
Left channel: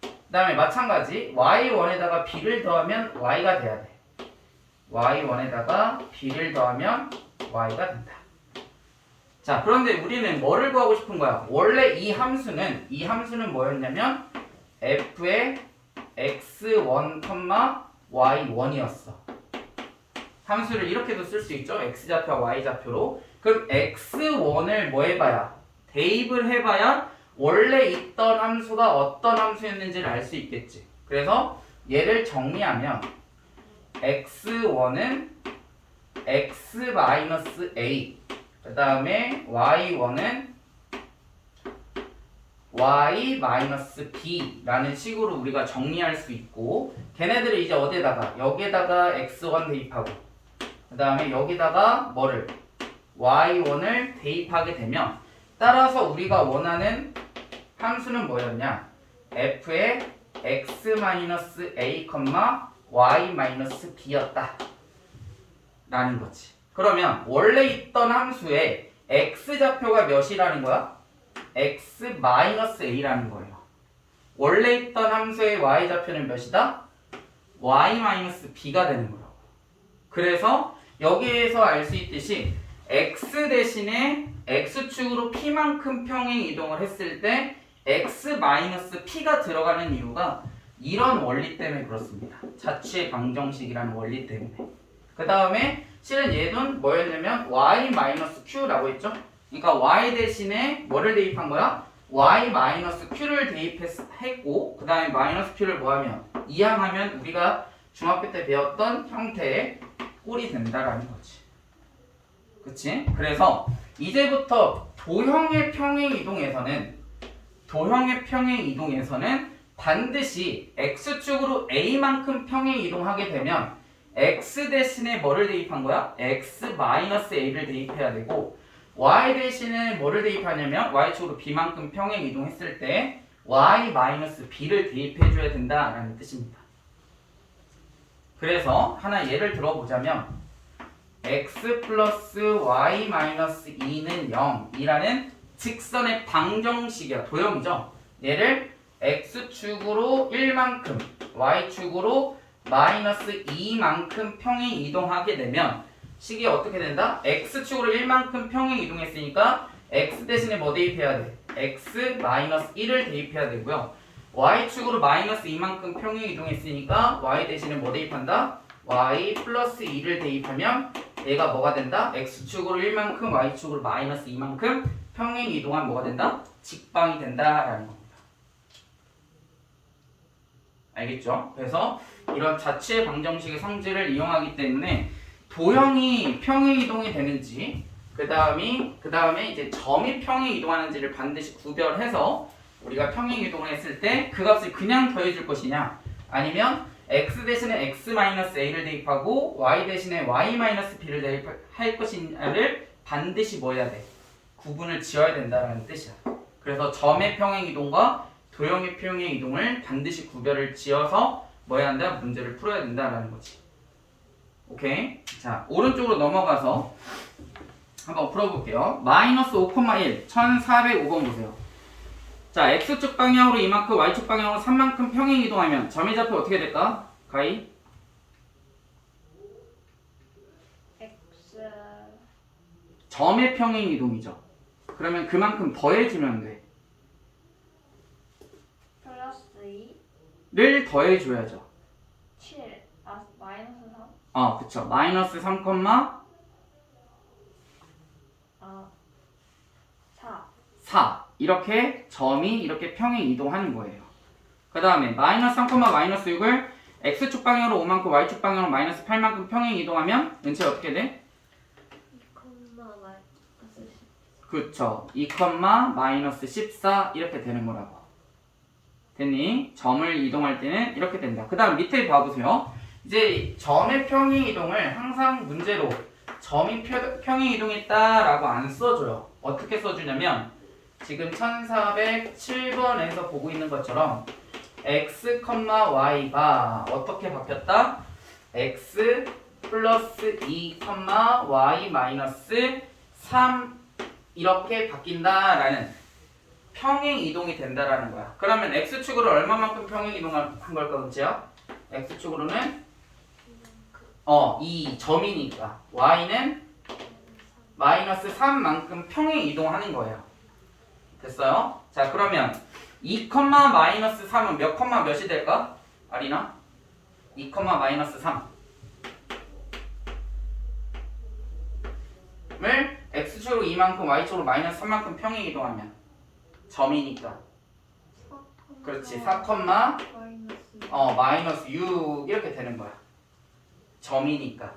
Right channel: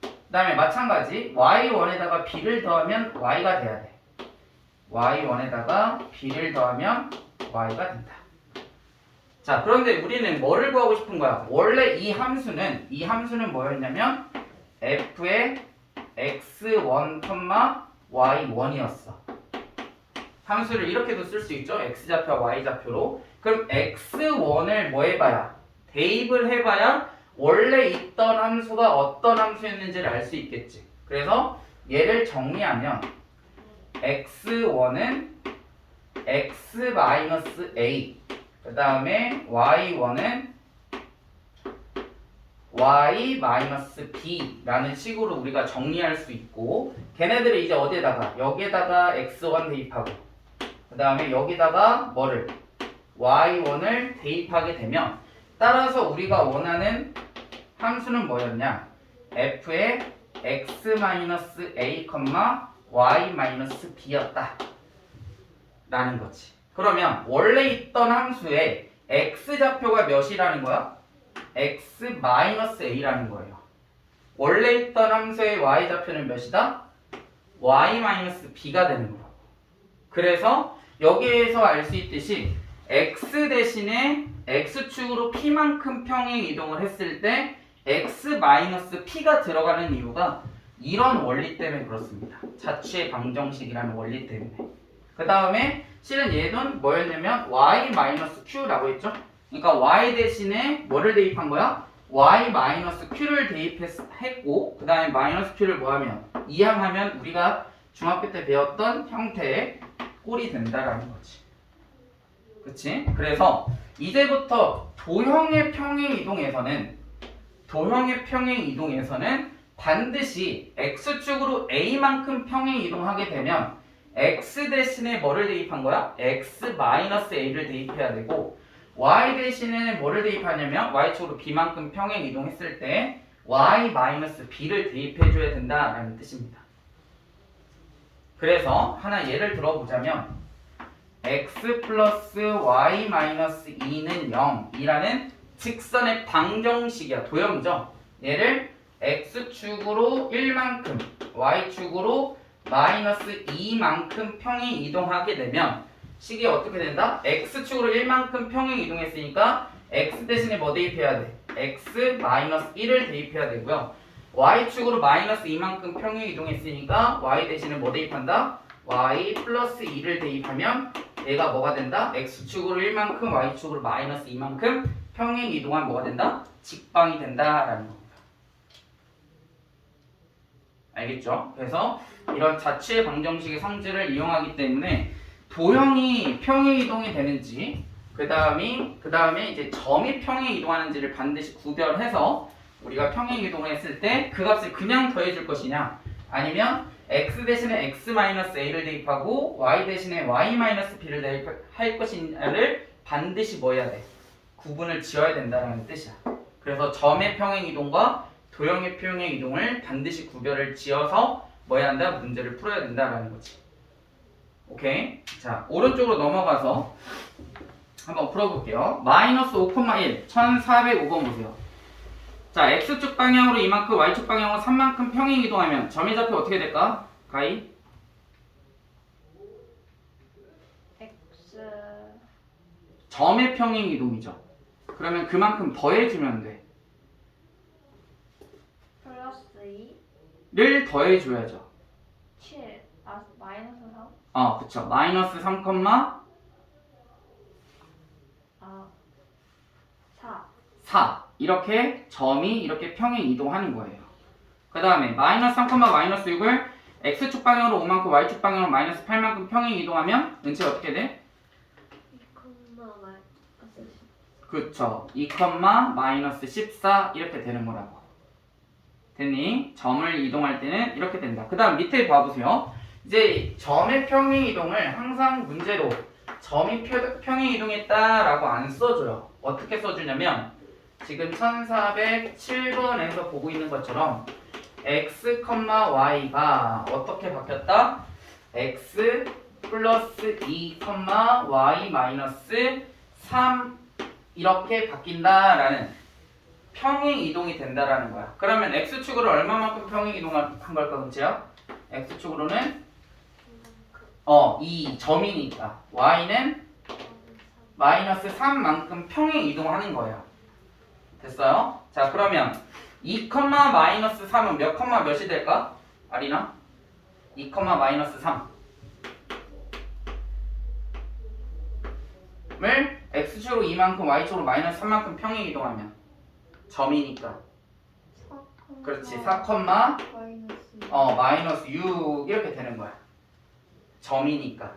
그 다음에 마찬가지 y1에다가 b를 더하면 y가 돼야 돼. y1에다가 b를 더하면 y가 된다. 자, 그런데 우리는 뭐를 구하고 싶은 거야? 원래 이 함수는 뭐였냐면 f의 x1, y1이었어. 함수를 이렇게도 쓸 수 있죠. x좌표와 y좌표로. 그럼 x1을 뭐 해봐야? 대입을 해봐야 원래 있던 함수가 어떤 함수였는지를 알 수 있겠지. 그래서 얘를 정리하면 x1은 x-a 그 다음에 y1은 y-b라는 식으로 우리가 정리할 수 있고 걔네들을 이제 어디에다가 여기에다가 x1 대입하고 그 다음에 여기다가 뭐를 y1을 대입하게 되면 따라서 우리가 원하는 함수는 뭐였냐? f의 x-a, y-b였다 라는 거지. 그러면 원래 있던 함수의 x좌표가 몇이라는 거야? x-a라는 거예요. 원래 있던 함수의 y좌표는 몇이다? y-b가 되는 거라고. 그래서 여기에서 알 수 있듯이 x 대신에 x축으로 p만큼 평행 이동을 했을 때 x-p가 들어가는 이유가 이런 원리 때문에 그렇습니다. 자취의 방정식이라는 원리 때문에. 그 다음에 실은 얘는 뭐였냐면 y-q라고 했죠. 그러니까 y 대신에 뭐를 대입한 거야? y-q를 대입했고 그 다음에 마이너스 q를 뭐하면 이항하면 우리가 중학교 때 배웠던 형태의 꼴이 된다라는 거지. 그치? 그래서 이제부터 도형의 평행 이동에서는 반드시 x축으로 a만큼 평행 이동하게 되면 x 대신에 뭐를 대입한 거야? x-a를 대입해야 되고 y 대신에 뭐를 대입하냐면 y축으로 b만큼 평행 이동했을 때 y-b를 대입해줘야 된다라는 뜻입니다. 그래서 하나 예를 들어보자면 x 플러스 y-2는 0이라는 직선의 방정식이야. 도형이죠. 얘를 x축으로 1만큼 y축으로 마이너스 2만큼 평행 이동하게 되면 식이 어떻게 된다? x축으로 1만큼 평행 이동했으니까 x 대신에 뭐 대입해야 돼? x-1을 대입해야 되고요. y축으로 마이너스 2만큼 평행 이동했으니까 y 대신에 뭐 대입한다? y 플러스 2를 대입하면 얘가 뭐가 된다? x축으로 1만큼 y축으로 마이너스 2만큼 평행 이동한 뭐가 된다? 직방이 된다라는 겁니다. 알겠죠? 그래서 이런 자취의 방정식의 성질을 이용하기 때문에 도형이 평행 이동이 되는지 그 다음에 이제 점이 평행 이동하는지를 반드시 구별해서 우리가 평행 이동을 했을 때 그 값을 그냥 더해줄 것이냐 아니면 x 대신에 x-a를 대입하고 y 대신에 y-b를 대입할 것이냐를 반드시 뭐 해야 돼? 구분을 지어야 된다는 뜻이야. 그래서 점의 평행 이동과 도형의 평행 이동을 반드시 구별을 지어서 뭐 해야 한다? 문제를 풀어야 된다라는 거지. 오케이? 자, 오른쪽으로 넘어가서 한번 풀어볼게요. 마이너스 5,1 1405번 보세요. 자, x축 방향으로 이만큼, y축 방향으로 3만큼 평행 이동하면 점의 좌표 어떻게 될까? 가희? x 점의 평행 이동이죠. 그러면 그만큼 더해주면 돼. 플러스 2 를 더해줘야죠. 7 마이너스 3 그쵸. 마이너스 3, 4 4 이렇게 점이 이렇게 평행 이동하는 거예요. 그 다음에 마이너스 3, 마이너스 6을 x축 방향으로 5만큼 y축 방향으로 마이너스 8만큼 평행 이동하면 은채 어떻게 돼? 2, 마이너스 10 그쵸. 2, 마이너스 14 이렇게 되는 거라고. 됐니? 점을 이동할 때는 이렇게 된다. 그 다음 밑에 봐보세요. 이제 점의 평행 이동을 항상 문제로 점이 평행 이동했다라고 안 써줘요. 어떻게 써주냐면 지금 1407번에서 보고 있는 것처럼 x, y가 어떻게 바뀌었다? x 플러스 2, y 마이너스 3 이렇게 바뀐다라는 평행 이동이 된다라는 거야. 그러면 x축으로 얼마만큼 평행 이동한 걸까, 은채야? x축으로는 이 점이니까 y는 마이너스 3만큼 평행 이동하는 거예요. 됐어요? 자, 그러면 2, 마이너스 3은 몇 컴마 몇이 될까? 아리나? 2, 마이너스 3을 x축으로 2만큼 y축으로 마이너스 3만큼 평행 이동하면 점이니까 그렇지. 4, 마이너스 6 이렇게 되는 거야. 점이니까.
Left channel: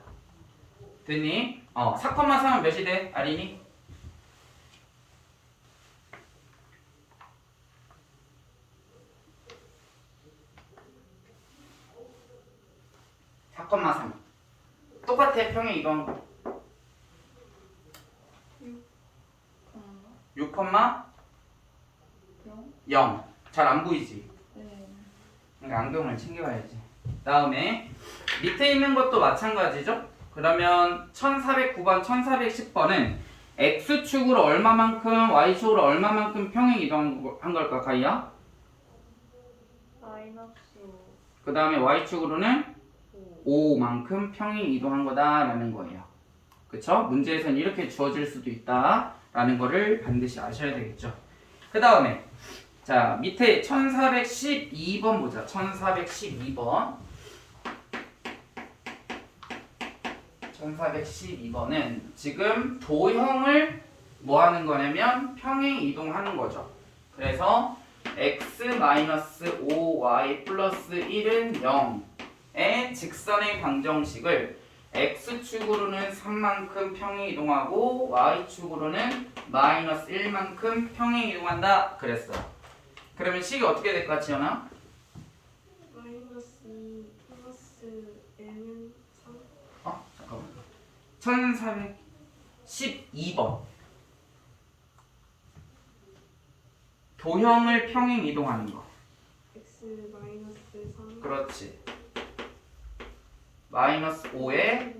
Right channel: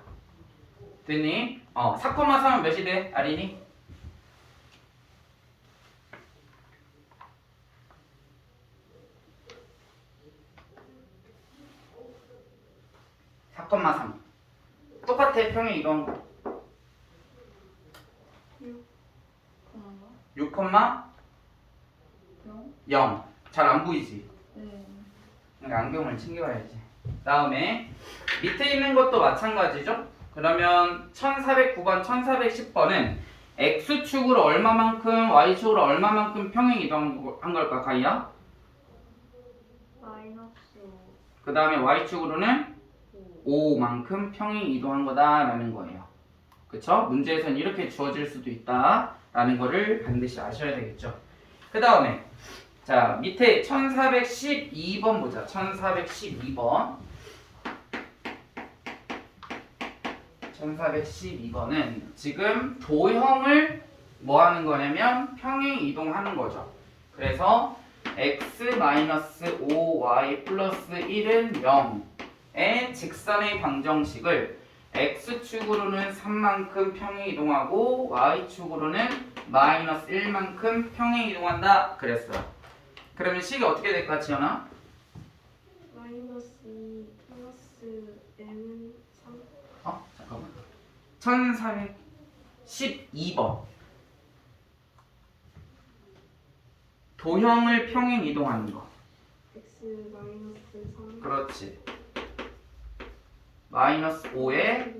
됐니? 4, 3은 몇이 돼? 아린이? 4,3. 똑같아. 평행 이동 거. 6, 0. 잘 안 보이지? 네. 그러니까 안경을 챙겨와야지. 다음에 밑에 있는 것도 마찬가지죠? 그러면 1409번, 1410번은 X축으로 얼마만큼, Y축으로 얼마만큼 평행 이동한 걸까, 가이야? 마이너스 그 다음에 Y축으로는 5. 5만큼 평행 이동한 거다라는 거예요. 그쵸? 문제에서는 이렇게 주어질 수도 있다라는 거를 반드시 아셔야 되겠죠. 그 다음에 자 밑에 1412번 보자. 1412번 1412번은 지금 도형을 뭐 하는 거냐면 평행 이동하는 거죠. 그래서 x-5y 플러스 1은 0의 직선의 방정식을 x축으로는 3만큼 평행 이동하고 y축으로는 마이너스 1만큼 평행 이동한다 그랬어. 그러면 식이 어떻게 될까, 지연아? 마이너스 2 플러스 m은 3 잠깐만. 1412번 도형을 평행 이동하는 거. x 마이너스 3 그렇지. 마이너스 5에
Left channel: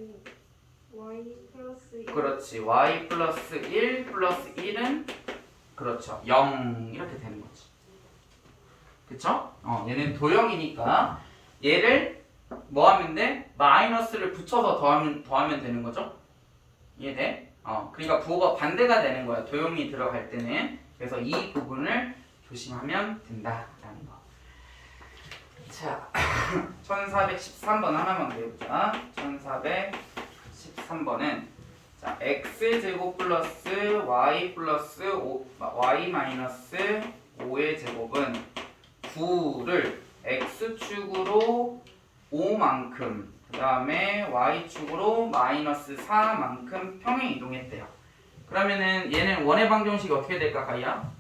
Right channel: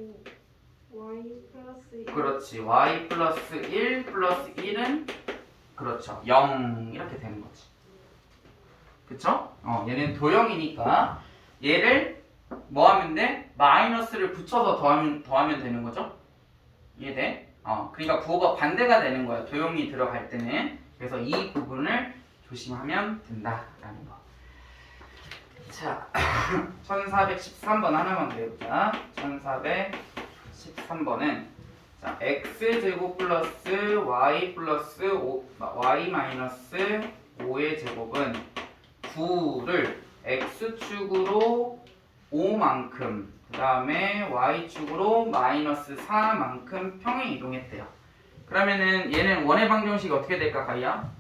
y 플러스 1 그렇지. y 플러스 1 플러스 1은 그렇죠. 0 이렇게 되는 거지. 그쵸? 얘는 도형이니까 얘를 뭐 하면 돼? 마이너스를 붙여서 더하면 되는 거죠? 이해돼? 그러니까 부호가 반대가 되는 거야. 도형이 들어갈 때는. 그래서 이 부분을 조심하면 된다라는 거. 자, 1413번 하나만 배우자. 1413번은 자, x제곱 플러스 y 플러스 y 마이너스 5의 제곱은 9를 x축으로 5만큼 그 다음에 y축으로 마이너스 4만큼 평행 이동했대요. 그러면은 얘는 원의 방정식이 어떻게 될까, 가이야?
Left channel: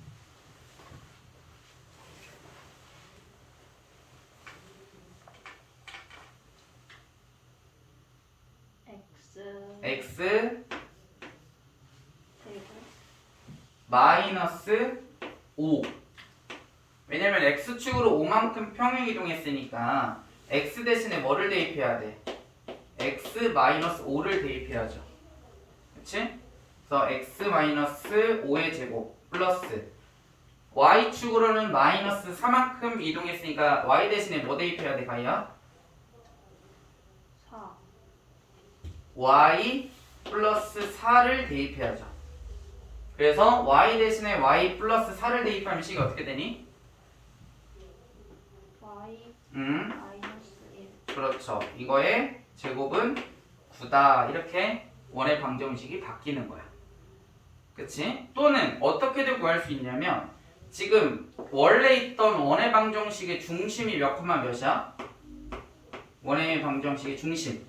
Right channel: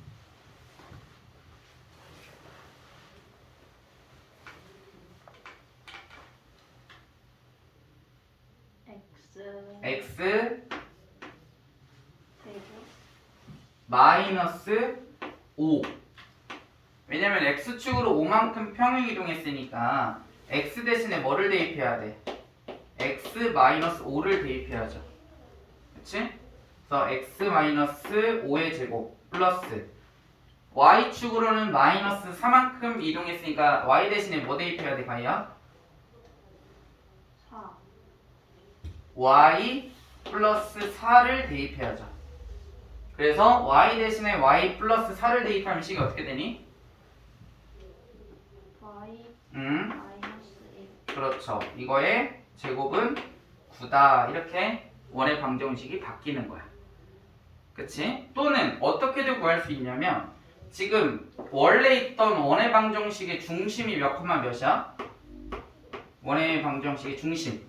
x 제곱 마이너스 5. 왜냐면 x축으로 5만큼 평행 이동했으니까 x 대신에 뭐를 대입해야 돼? x 마이너스 5를 대입해야죠. 그치? 그래서 x 마이너스 5의 제곱 플러스 y축으로는 마이너스 4만큼 이동했으니까 y 대신에 뭐 대입해야 돼, 가이야? 4. y 플러스 4를 대입해야죠. 그래서 y 대신에 y 플러스 4를 대입하면 식이 어떻게 되니? y 마이너스 1. 그렇죠. 이거의 제곱은 9다. 이렇게 원의 방정식이 바뀌는 거야. 그치? 또는 어떻게든 구할 수 있냐면 지금 원래 있던 원의 방정식의 중심이 몇 콤마 몇이야? 원의 방정식의 중심.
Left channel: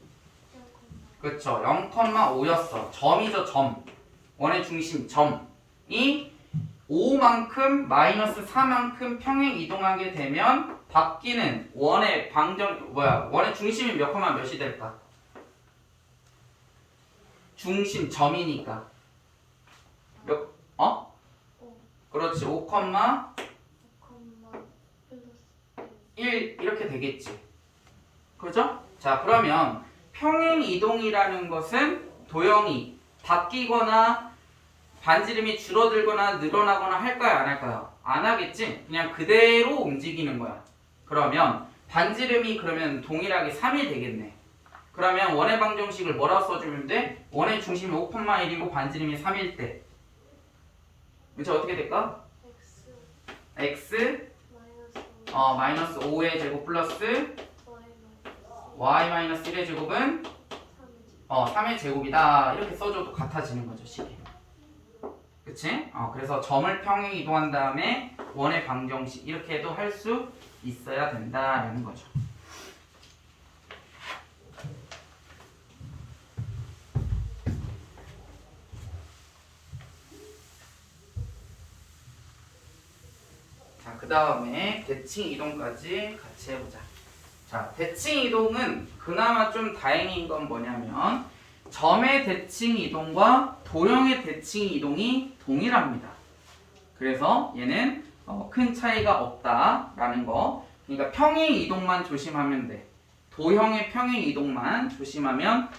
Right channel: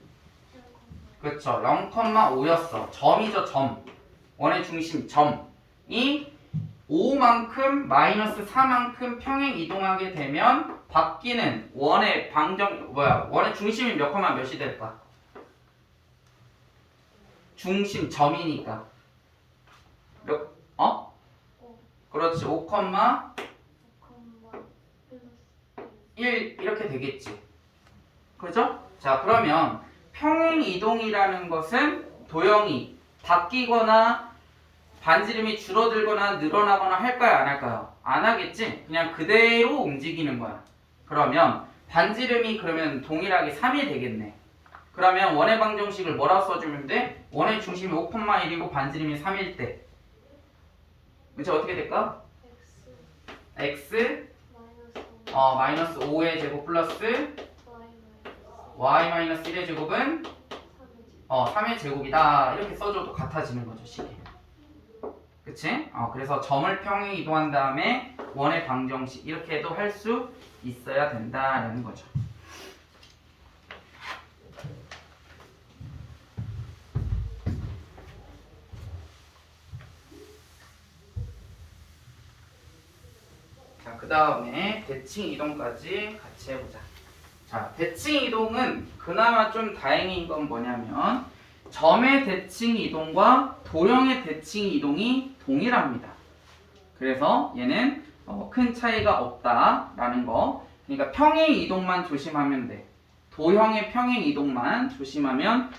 그렇죠. 0,5였어. 점이죠, 점. 원의 중심 점이 5만큼 마이너스 4만큼 평행 이동하게 되면 바뀌는 원의 원의 중심이 몇 콤마 몇이 될까? 중심 점이니까 몇 그렇지. 5, 콤마 1 이렇게 되겠지. 그죠? 자, 그러면 평행 이동이라는 것은 도형이 바뀌거나 반지름이 줄어들거나 늘어나거나 할까요? 안 할까요? 안 하겠지? 그냥 그대로 움직이는 거야. 그러면 반지름이 그러면 동일하게 3이 되겠네. 그러면 원의 방정식을 뭐라고 써주면 돼? 원의 중심이 5,1이고 반지름이 3일 때 이제 어떻게 될까? x 마이너스 5의 제곱 플러스 y 마이너스 1의 제곱은 3의 제곱이다. 이렇게 써줘도 같아지는 거죠, 식이. 그치? 그래서 점을 평행 이동한 다음에 원의 방정식 이렇게도 할 수 있어야 된다라는 거죠. 자, 그 다음에 대칭 이동까지 같이 해보자. 자, 대칭 이동은 그나마 좀 다행인 건 뭐냐면 점의 대칭 이동과 도형의 대칭 이동이 동일합니다. 그래서 얘는 큰 차이가 없다라는 거. 그러니까 평행 이동만 조심하면 돼. 도형의 평행 이동만 조심하면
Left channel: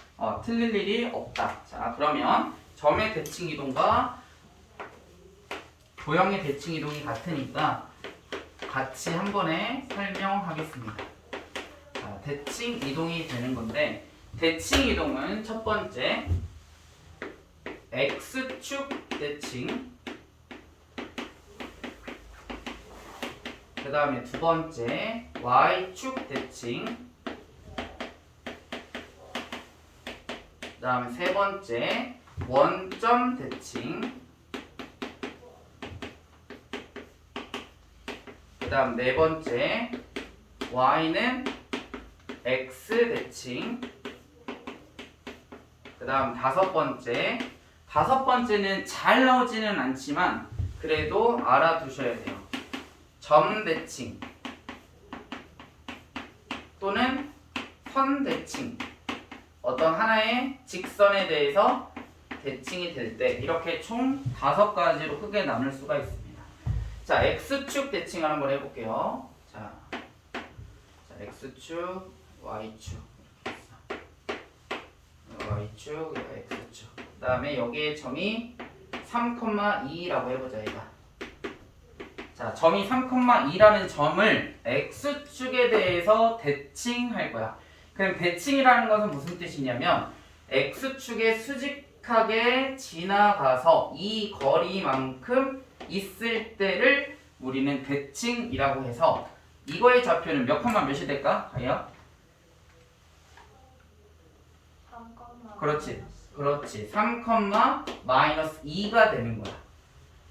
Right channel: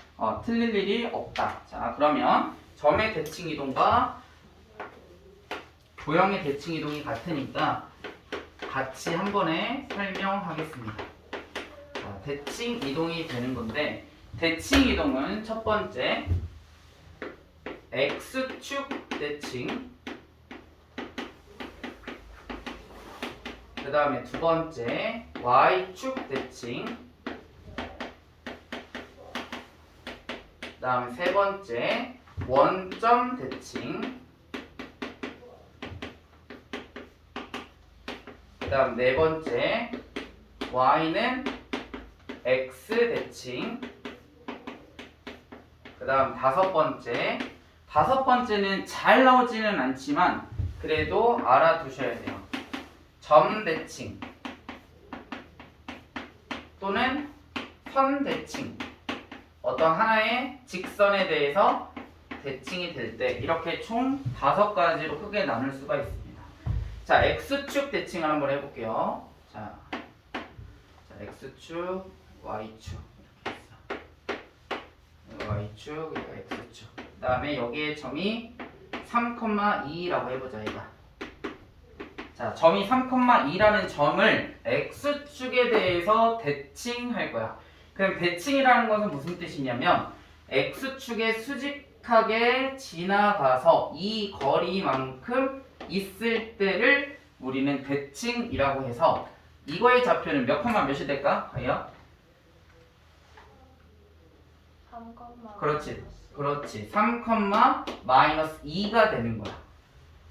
틀릴 일이 없다. 자, 그러면 점의 대칭 이동과 도형의 대칭 이동이 같으니까 같이 한 번에 설명하겠습니다. 자, 대칭 이동이 되는 건데 대칭 이동은 첫 번째 X축 대칭, 그 다음에 두 번째 Y축 대칭, 그 다음 세 번째 원점 대칭, 그 다음 네 번째 Y는 X 대칭, 그 다음 다섯 번째는 잘 나오지는 않지만 그래도 알아두셔야 돼요. 점 대칭 또는 선 대칭, 어떤 하나의 직선에 대해서 대칭이 될 때 이렇게 총 5가지로 크게 나눌 수가 있습니다. 자, X축 대칭을 한번 해볼게요. 자, X축, Y축 이렇게 있어. Y축, X축. 그 다음에 여기에 점이 3,2라고 해보자, 얘가. 자, 점이 3,2라는 점을 X축에 대해서 대칭할 거야. 그럼 대칭이라는 것은 무슨 뜻이냐면 X축에 수직하게 지나가서 이 거리만큼 있을 때를 우리는 대칭이라고 해서 이거의 좌표는 몇 컴마 몇이 될까? 아야? 3, 그렇지. 3,-2가 되는 거야.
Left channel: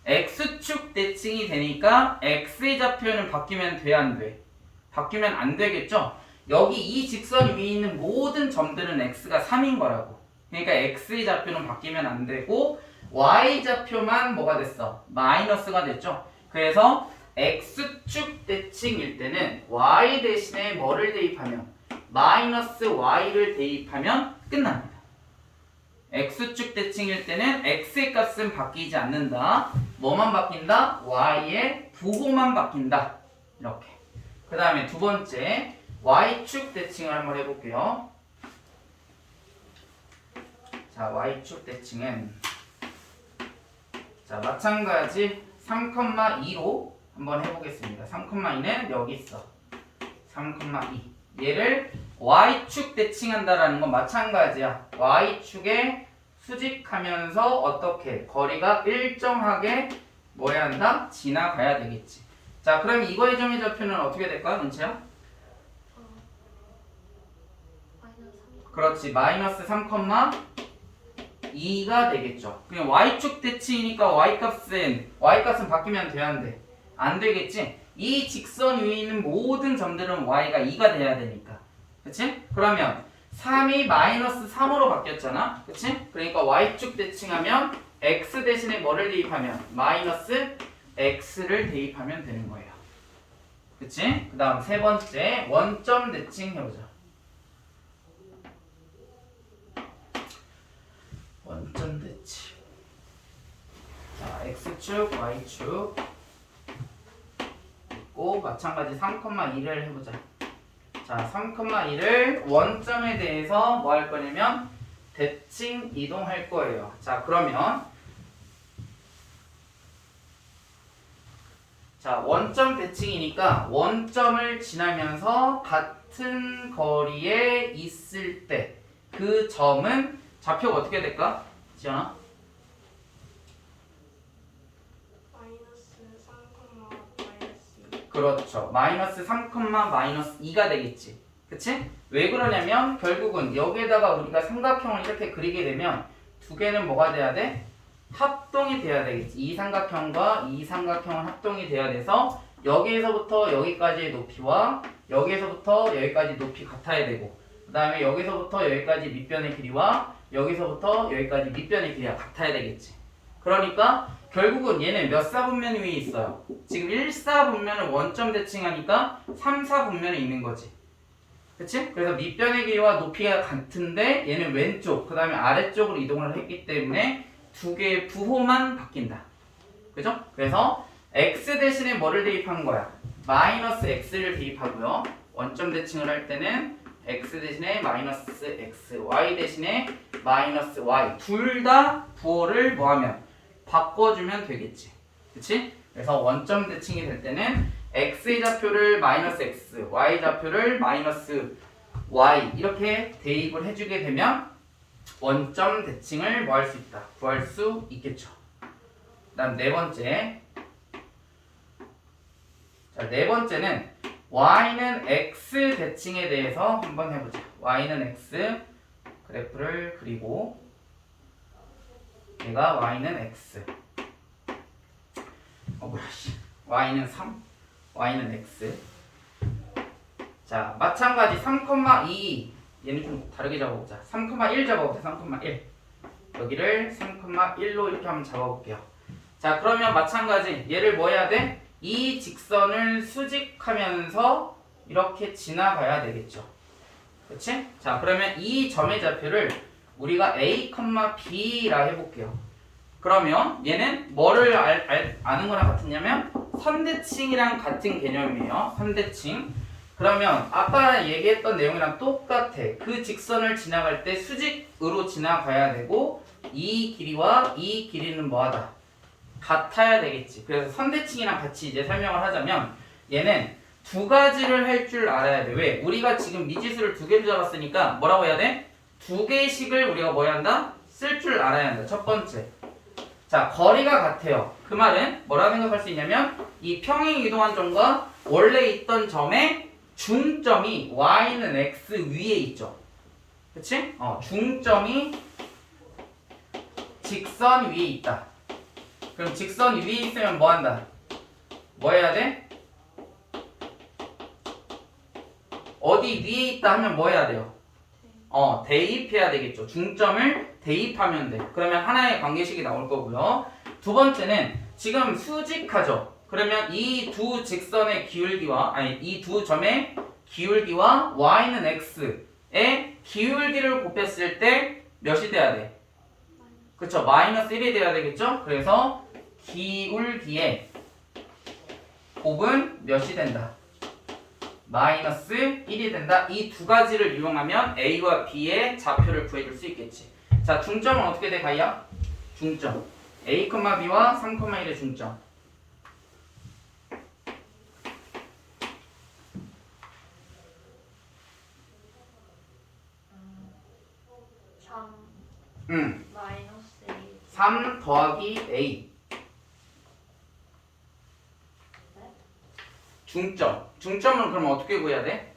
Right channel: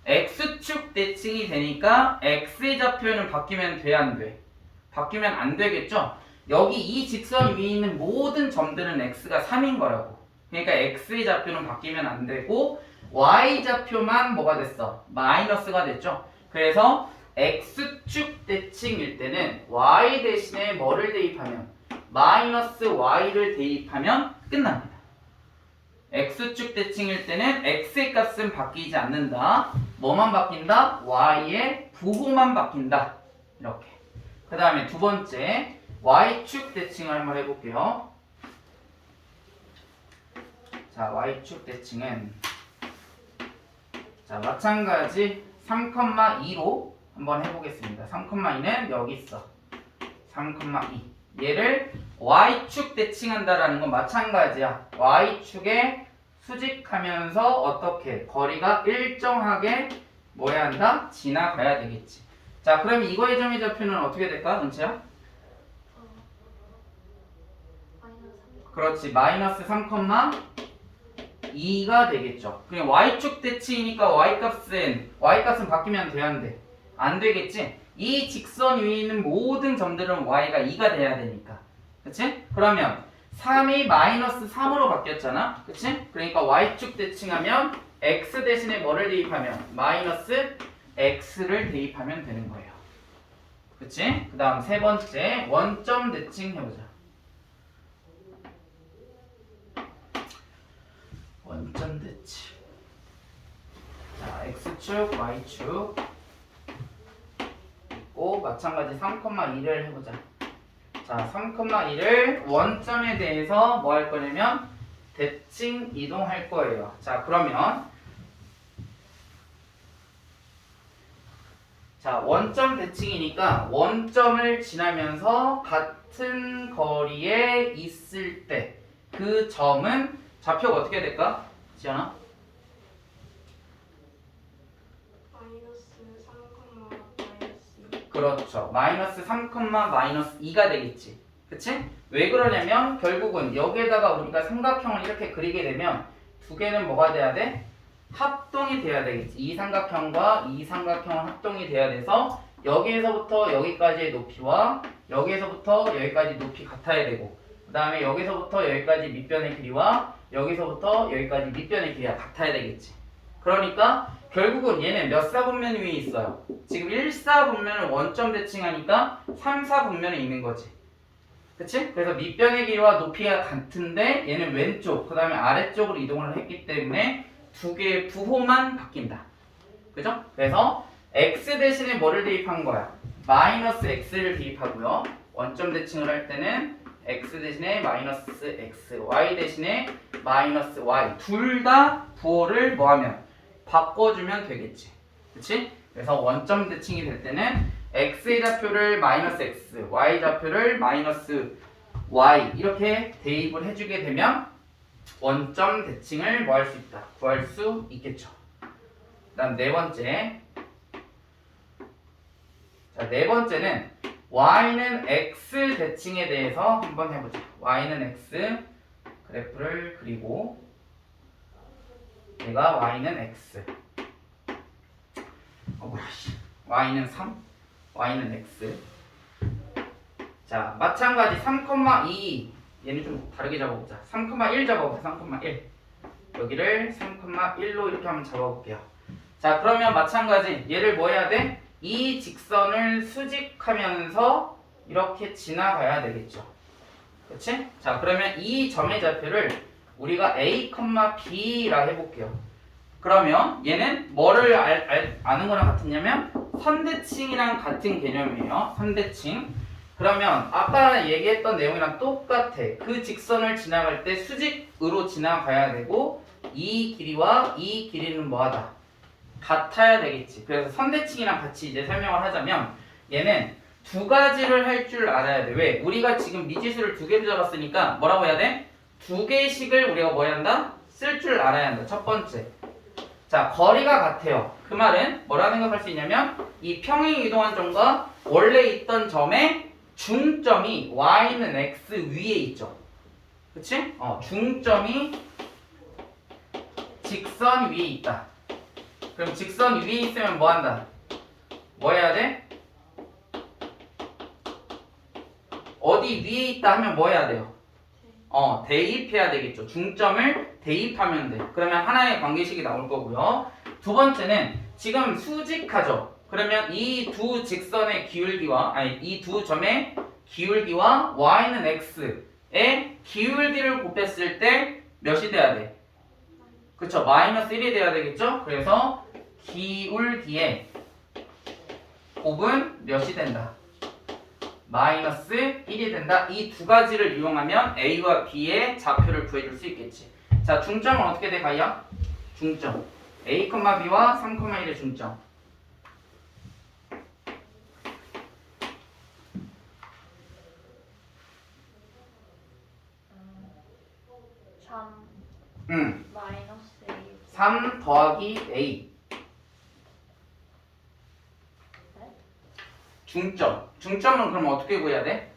X축 대칭이 되니까 X의 좌표는 바뀌면 돼, 안 돼? 바뀌면 안 되겠죠? 여기 이 직선 위에 있는 모든 점들은 X가 3인 거라고. 그러니까 X의 좌표는 바뀌면 안 되고 Y 좌표만 뭐가 됐어? 마이너스가 됐죠? 그래서 X축 대칭일 때는 Y 대신에 뭐를 대입하면? 마이너스 Y를 대입하면 끝납니다. X축 대칭일 때는 X의 값은 바뀌지 않는다. 뭐만 바뀐다? Y의 부호만 바뀐다. 이렇게. 그 다음에 두 번째 Y축 대칭을 한번 해볼게요. 자, Y축 대칭은 자, 마찬가지 3,2로 한번 해보겠습니다. 3,2는 여기 있어. 3,2. 얘를 Y축 대칭한다라는 건 마찬가지야. Y축에 수직하면서 어떻게 거리가 일정하게 뭐 해야 한다? 지나가야 되겠지. 자, 그럼 이거의 점의 좌표는 어떻게 될까? 은채야? 그렇지. 마이너스 3,2가 되겠죠. 그냥 Y축 대칭이니까 Y값은 바뀌면 돼야 안 돼? 안 되겠지? 이 직선 위에 있는 모든 점들은 Y가 2가 돼야 되니까. 그치? 그러면 3이 마이너스 3으로 바뀌었잖아. 그치? 그러니까 Y축 대칭하면 X 대신에 뭐를 대입하면? 마이너스 X를 대입하면 되는 거예요. 그치? 그 다음 세 번째 원점 대칭 해보자. 원점 대칭. 자, X축, Y축 있고 마찬가지 3,2를 해보자. 자, 3,2를 원점에 대해서 뭐 할 거냐면 대칭 이동할 거예요. 자, 그러면 자, 원점 대칭이니까 원점을 지나면서 같은 거리에 있을 때 그 점은 좌표가 어떻게 될까? 지연아? 마이너스 3,-2. 그렇죠. 마이너스 3,-2가 되겠지. 그치? 왜 그러냐면 결국은 여기에다가 우리가 삼각형을 이렇게 그리게 되면 두 개는 뭐가 돼야 돼? 합동이 돼야 되겠지. 이 삼각형과 이 삼각형은 합동이 돼야 돼서 여기에서부터 여기까지의 높이와 여기에서부터 여기까지 높이 같아야 되고 그 다음에 여기서부터 여기까지 밑변의 길이와 여기서부터 여기까지 밑변의 길이가 같아야 되겠지. 그러니까 결국은 얘는 몇 사분면 위에 있어요? 지금 1사분면을 원점 대칭하니까 3사분면에 있는 거지. 그치? 그래서 밑변의 길이와 높이가 같은데 얘는 왼쪽 그 다음에 아래쪽으로 이동을 했기 때문에 두 개의 부호만 바뀐다. 그죠? 그래서 x 대신에 뭐를 대입한 거야? 마이너스 x를 대입하고요. 원점 대칭을 할 때는 x 대신에 마이너스 x, y 대신에 마이너스 y 둘 다 부호를 뭐하면 바꿔주면 되겠지. 그치? 그래서 원점 대칭이 될 때는 x의 좌표를 마이너스 x, y 좌표를 마이너스 y 이렇게 대입을 해주게 되면 원점 대칭을 뭐 할 수 있다? 구할 수 있겠죠. 그 다음 네 번째. 자, 네 번째는 y는 x 대칭에 대해서 한번 해보자. y는 x 그래프를 그리고 얘가 y는 x y는 3 y는 x. 자, 마찬가지 3,2 얘는 좀 다르게 잡아보자. 3,1 잡아보자. 3,1 여기를 3,1로 이렇게 한번 잡아볼게요. 자, 그러면 마찬가지 얘를 뭐 해야 돼? 이 직선을 수직하면서 이렇게 지나가야 되겠죠. 그치? 자, 그러면 이 점의 좌표를 우리가 a, b라 해볼게요. 그러면 얘는 뭐를 아는 거랑 같으냐면 선대칭이랑 같은 개념이에요. 선대칭. 그러면 아까 얘기했던 내용이랑 똑같아. 그 직선을 지나갈 때 수직으로 지나가야 되고 이 길이와 이 길이는 뭐하다? 같아야 되겠지. 그래서 선대칭이랑 같이 이제 설명을 하자면 얘는 두 가지를 할 줄 알아야 돼. 왜? 우리가 지금 미지수를 두 개로 잡았으니까 뭐라고 해야 돼? 두 개씩을 우리가 뭐 해야 한다? 쓸 줄 알아야 한다. 첫 번째. 자, 거리가 같아요. 그 말은 뭐라 생각할 수 있냐면 이 평행 이동한 점과 원래 있던 점의 중점이 y는 x 위에 있죠. 그치? 중점이 직선 위에 있다. 그럼 직선 위에 있으면 뭐 한다? 뭐 해야 돼? 어디 위에 있다 하면 뭐 해야 돼요? 대입해야 되겠죠. 중점을 대입하면 돼. 그러면 하나의 관계식이 나올 거고요. 두 번째는 지금 수직하죠. 그러면 이 두 직선의 기울기와 이 두 점의 기울기와 y는 x의 기울기를 곱했을 때 몇이 돼야 돼? 그쵸? 마이너스 1이 돼야 되겠죠? 그래서 기울기의 곱은 몇이 된다? 마이너스 1이 된다. 이 두 가지를 이용하면 A와 B의 좌표를 구해줄 수 있겠지. 자, 중점은 어떻게 돼, 가이야? 중점. A, B와 3,1의 중점. 3 마이너스 1 3 더하기 A. 중점. 중점은 그럼 어떻게 구해야 돼?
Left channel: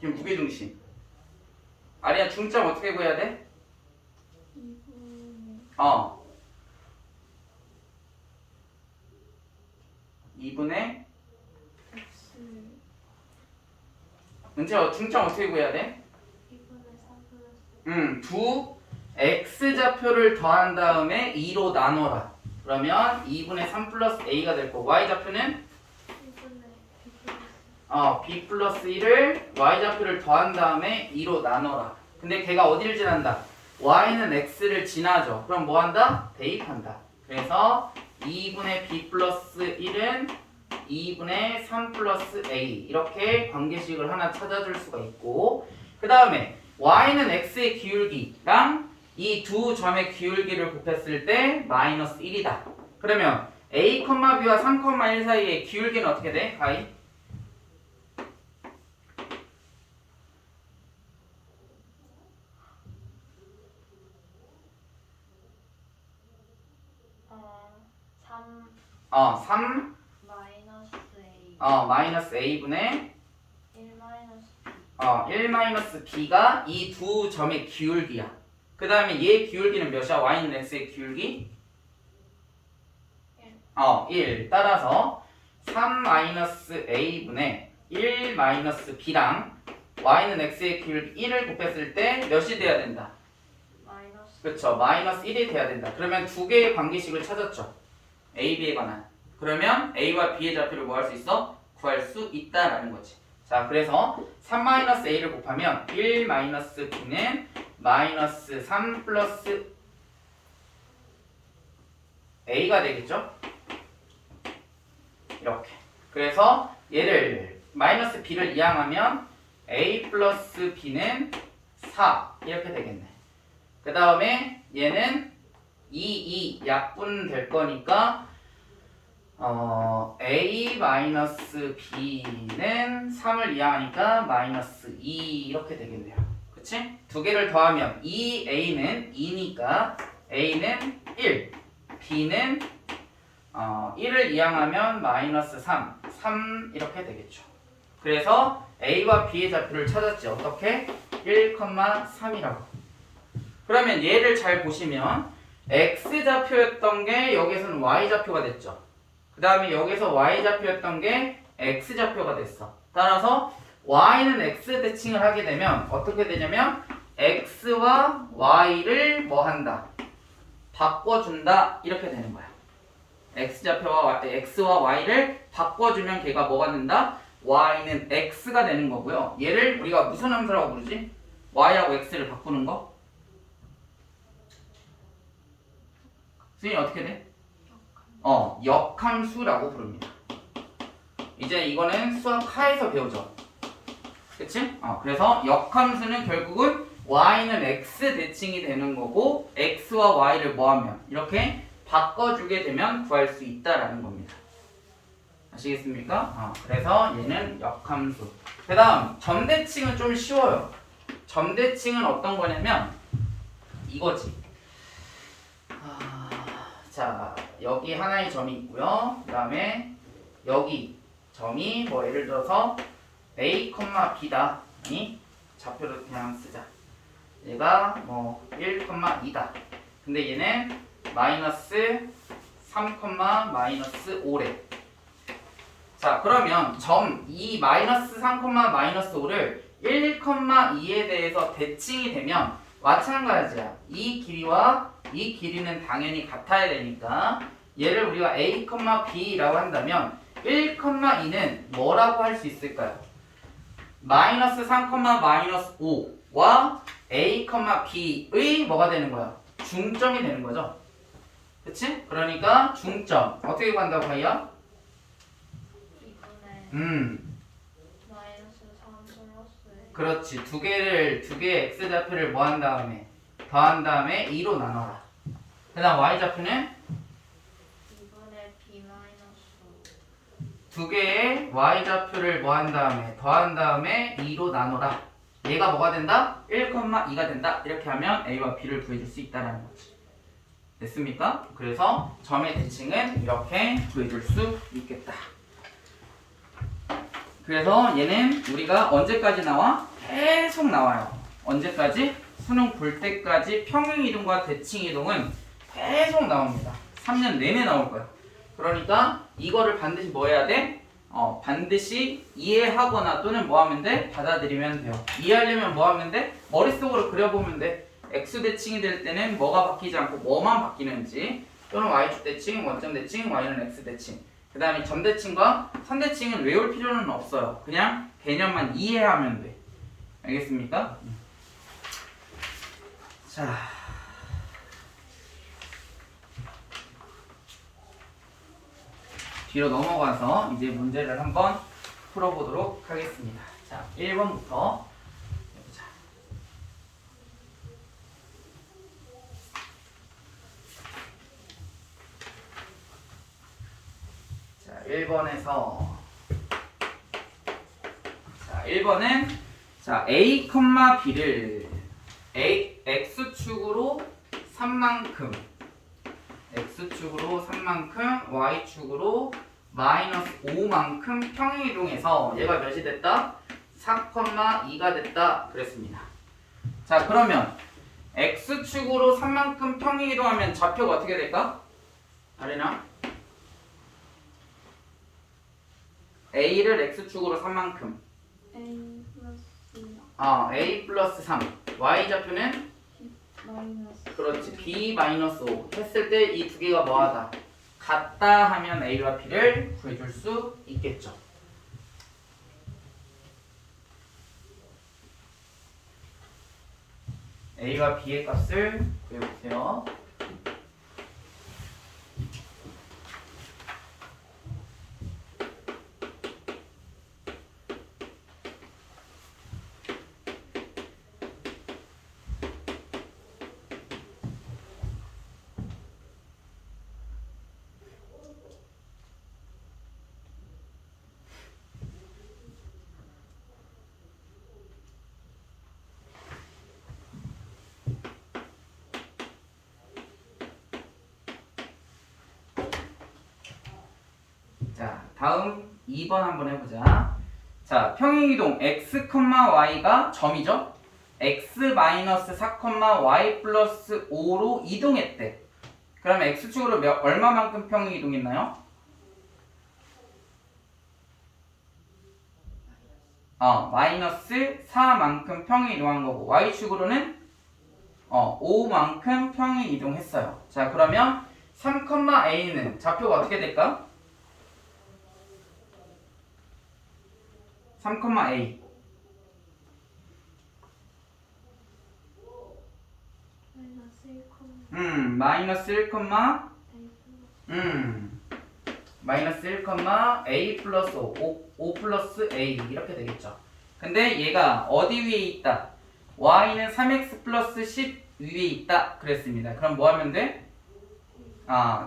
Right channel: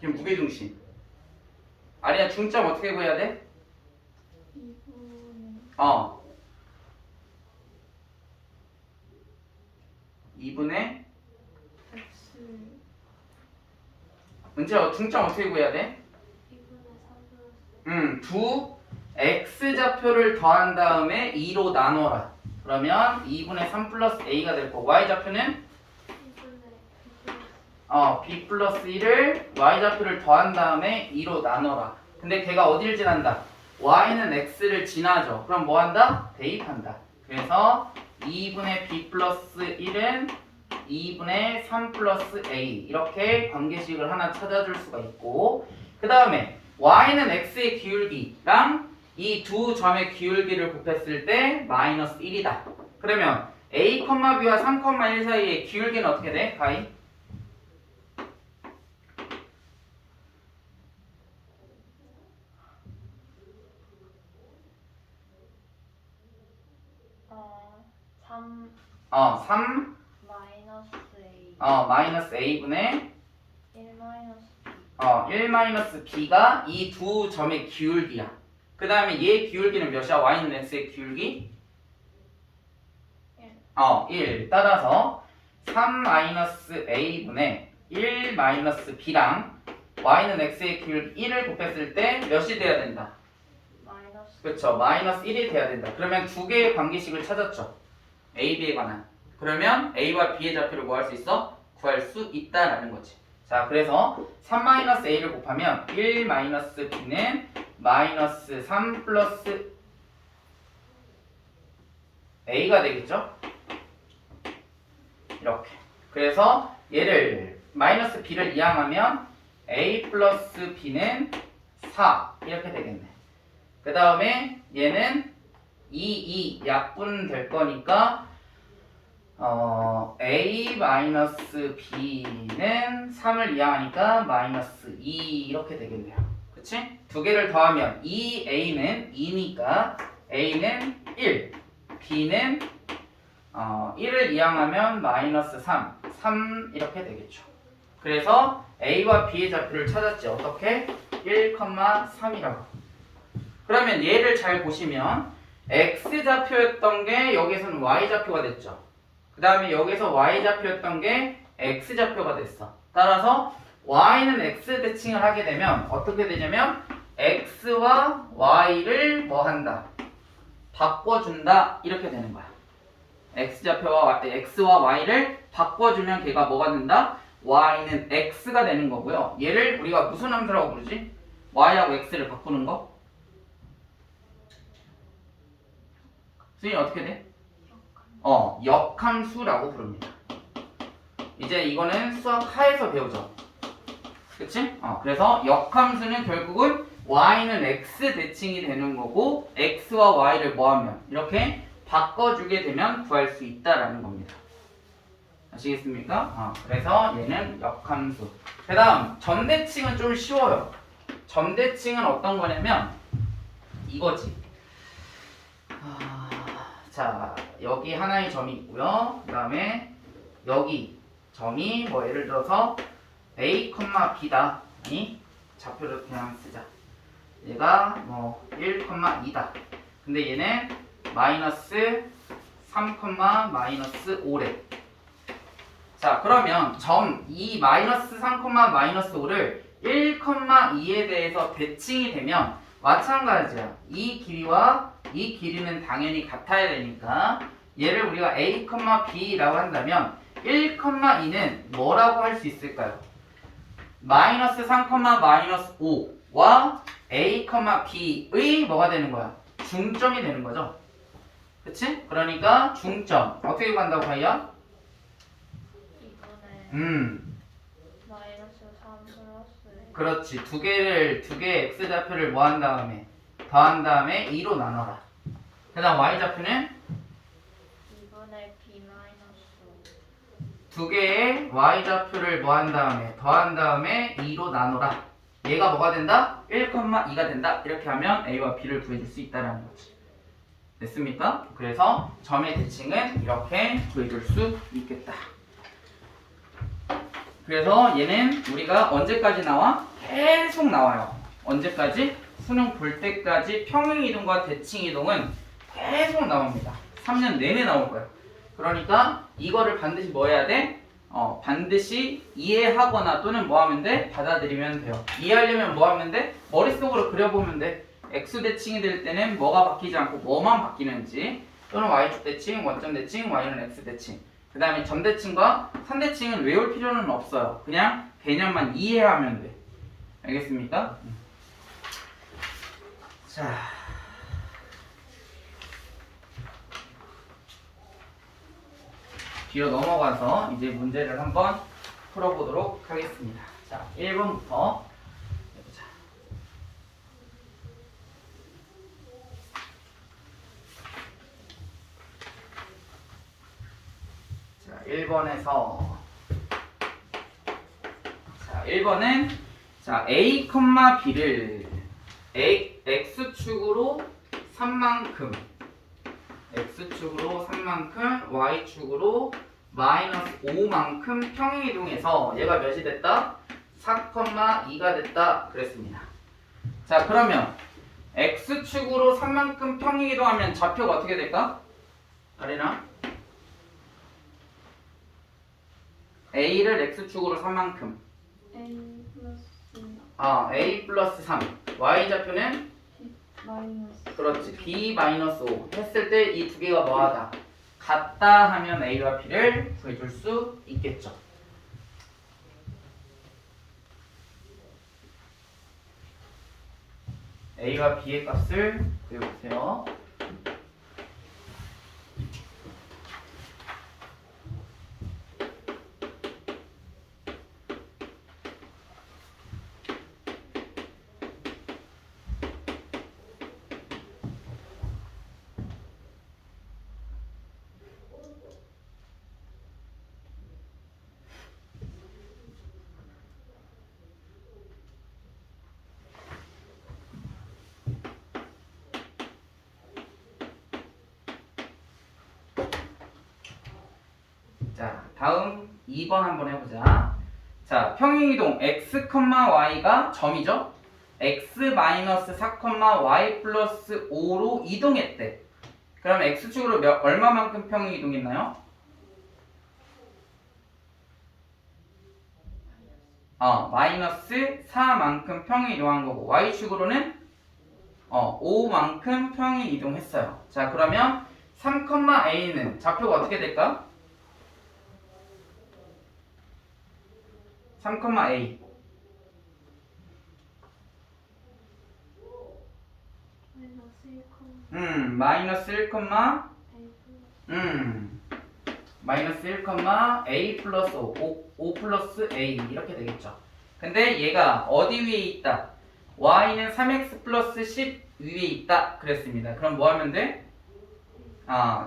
지금 무게중심. 아리야, 중점 어떻게 구해야 돼? 2분의 x 은채야, 중점 어떻게 구해야 돼? 2분의 3 플러스 두 x 좌표를 더한 다음에 2로 나눠라. 그러면 2분의 3 플러스 a가 될 거고 y 좌표는 2분의 b 플러스 1을 y 좌표를 더한 다음에 2로 나눠라. 근데 걔가 어디를 지난다? y는 x를 지나죠. 그럼 뭐 한다? 대입한다. 그래서 2분의 b 플러스 1은 2분의 3 플러스 a 이렇게 관계식을 하나 찾아줄 수가 있고, 그 다음에 y는 x의 기울기랑 이 두 점의 기울기를 곱했을 때 마이너스 1이다. 그러면 a, b와 3,1 사이의 기울기는 어떻게 돼? 가이? 어, 3 3 마이너스 A 마이너스 a분의 1 마이너스 B 1 마이너스 b가 이 두 점의 기울기야. 그 다음에 얘 기울기는 몇이야? y는 x의 기울기? 1. 따라서 3 마이너스 a분의 1 마이너스 b랑 y는 x의 기울기 1을 곱했을 때 몇이 돼야 된다? 마이너스 그렇죠. 마이너스 1이 돼야 된다. 그러면 두 개의 관계식을 찾았죠. A, B에 관한. 그러면 A와 B의 좌표를 뭐 할 수 있어? 구할 수 있다라는 거지. 자, 그래서 3-A를 곱하면 1-B는 마이너스 3 플러스 A가 되겠죠? 이렇게. 그래서 얘를 마이너스 B를 이항하면 A 플러스 B는 4 이렇게 되겠네. 그 다음에 얘는 2 약분 될 거니까 A 마이너스 B는 3을 이항하니까 마이너스 2 이렇게 되겠네요. 그치? 두 개를 더하면 2A는 2니까 A는 1, B는 1을 이항하면 마이너스 3 이렇게 되겠죠. 그래서 A와 B의 좌표를 찾았지. 어떻게? 1,3이라고. 그러면 얘를 잘 보시면 X좌표였던 게 여기서는 Y좌표가 됐죠. 그 다음에 여기서 Y좌표였던 게 X좌표가 됐어. 따라서 Y는 X 대칭을 하게 되면 어떻게 되냐면 X와 Y를 뭐 한다? 바꿔준다. 이렇게 되는 거야. X좌표와 X와 Y를 바꿔주면 걔가 뭐가 된다? Y는 X가 되는 거고요. 얘를 우리가 무슨 함수라고 부르지? Y하고 X를 바꾸는 거? 수인이 어떻게 돼? 역함수라고 부릅니다. 이제 이거는 수학 하에서 배우죠. 그치? 그래서 역함수는 결국은 Y는 X 대칭이 되는 거고 X와 Y를 뭐하면 이렇게 바꿔주게 되면 구할 수 있다라는 겁니다. 아시겠습니까? 그래서 얘는 역함수. 그 다음 점대칭은 좀 쉬워요. 점대칭은 어떤 거냐면 이거지. 자, 여기 하나의 점이 있고요. 그 다음에 여기 점이 뭐 예를 들어서 A, B다. 이 좌표를 그냥 쓰자. 얘가 뭐 1,2다. 근데 얘는 마이너스 3, 마이너스 5래. 자, 그러면 점 이 마이너스 3, 마이너스 5를 1,2에 대해서 대칭이 되면 마찬가지야. 이 길이와 이 길이는 당연히 같아야 되니까 얘를 우리가 A, B라고 한다면 1,2는 뭐라고 할 수 있을까요? 마이너스 3, 마이너스 5와 A, B의 뭐가 되는 거야? 중점이 되는 거죠. 그치? 그러니까 중점 어떻게 구한다고 하이야? 2분의 마이너스 3 플러스 그렇지. 두 개의 x좌표를 뭐 한 다음에 더한 다음에 2로 나눠라. 그 다음 y좌표는 2분의 B 마이너스 두 개의 y좌표를 뭐 한 다음에 더한 다음에 2로 나눠라. 얘가 뭐가 된다? 1,2가 된다. 이렇게 하면 a와 b를 구해줄 수 있다는 거지. 됐습니까? 그래서 점의 대칭은 이렇게 구해줄 수 있겠다. 그래서 얘는 우리가 언제까지 나와? 계속 나와요. 언제까지? 수능 볼 때까지 평행이동과 대칭이동은 계속 나옵니다. 3년 내내 나올 거야. 그러니까 이거를 반드시 뭐 해야 돼? 반드시 이해하거나 또는 뭐 하면 돼? 받아들이면 돼요. 이해하려면 뭐 하면 돼? 머릿속으로 그려보면 돼. X 대칭이 될 때는 뭐가 바뀌지 않고 뭐만 바뀌는지, 또는 Y축 대칭, 원점 대칭, Y는 X 대칭. 그 다음에 점대칭과 선대칭은 외울 필요는 없어요. 그냥 개념만 이해하면 돼. 알겠습니까? 자, 뒤로 넘어가서 이제 문제를 한번 풀어보도록 하겠습니다. 자, 1번부터 해보자. 자, 1번에서 자, 1번은 자, A, B를 X축으로 3만큼 X축으로 3만큼 Y축으로 마이너스 5만큼 평행이동해서 얘가 몇이 됐다? 4,2가 됐다 그랬습니다. 자, 그러면 X축으로 3만큼 평행이동하면 좌표가 어떻게 될까? 아래나 A를 X축으로 3만큼 A 플러스 A 플러스 3 Y좌표는 마이너스. 그렇지. b 마이너스 5 했을 때 이 두 개가 뭐하다? 같다 하면 a와 b를 구해줄 수 있겠죠. a와 b의 값을 구해보세요. 자, 다음 2번 한번 해보자. 자, 평행이동 x, y가 점이죠? x-4, y 플러스 5로 이동했대. 그럼 x축으로 얼마만큼 평행이동했나요? 마이너스 4만큼 평행이동한 거고 y축으로는 5만큼 평행이동했어요. 자, 그러면 3,a는 좌표가 어떻게 될까? 3,a 마이너스 1, 마이너스 1, 마이너스 1, a 플러스 5 플러스 a 이렇게 되겠죠. 근데 얘가 어디 위에 있다? y는 3x 플러스 10 위에 있다 그랬습니다. 그럼 뭐 하면 돼?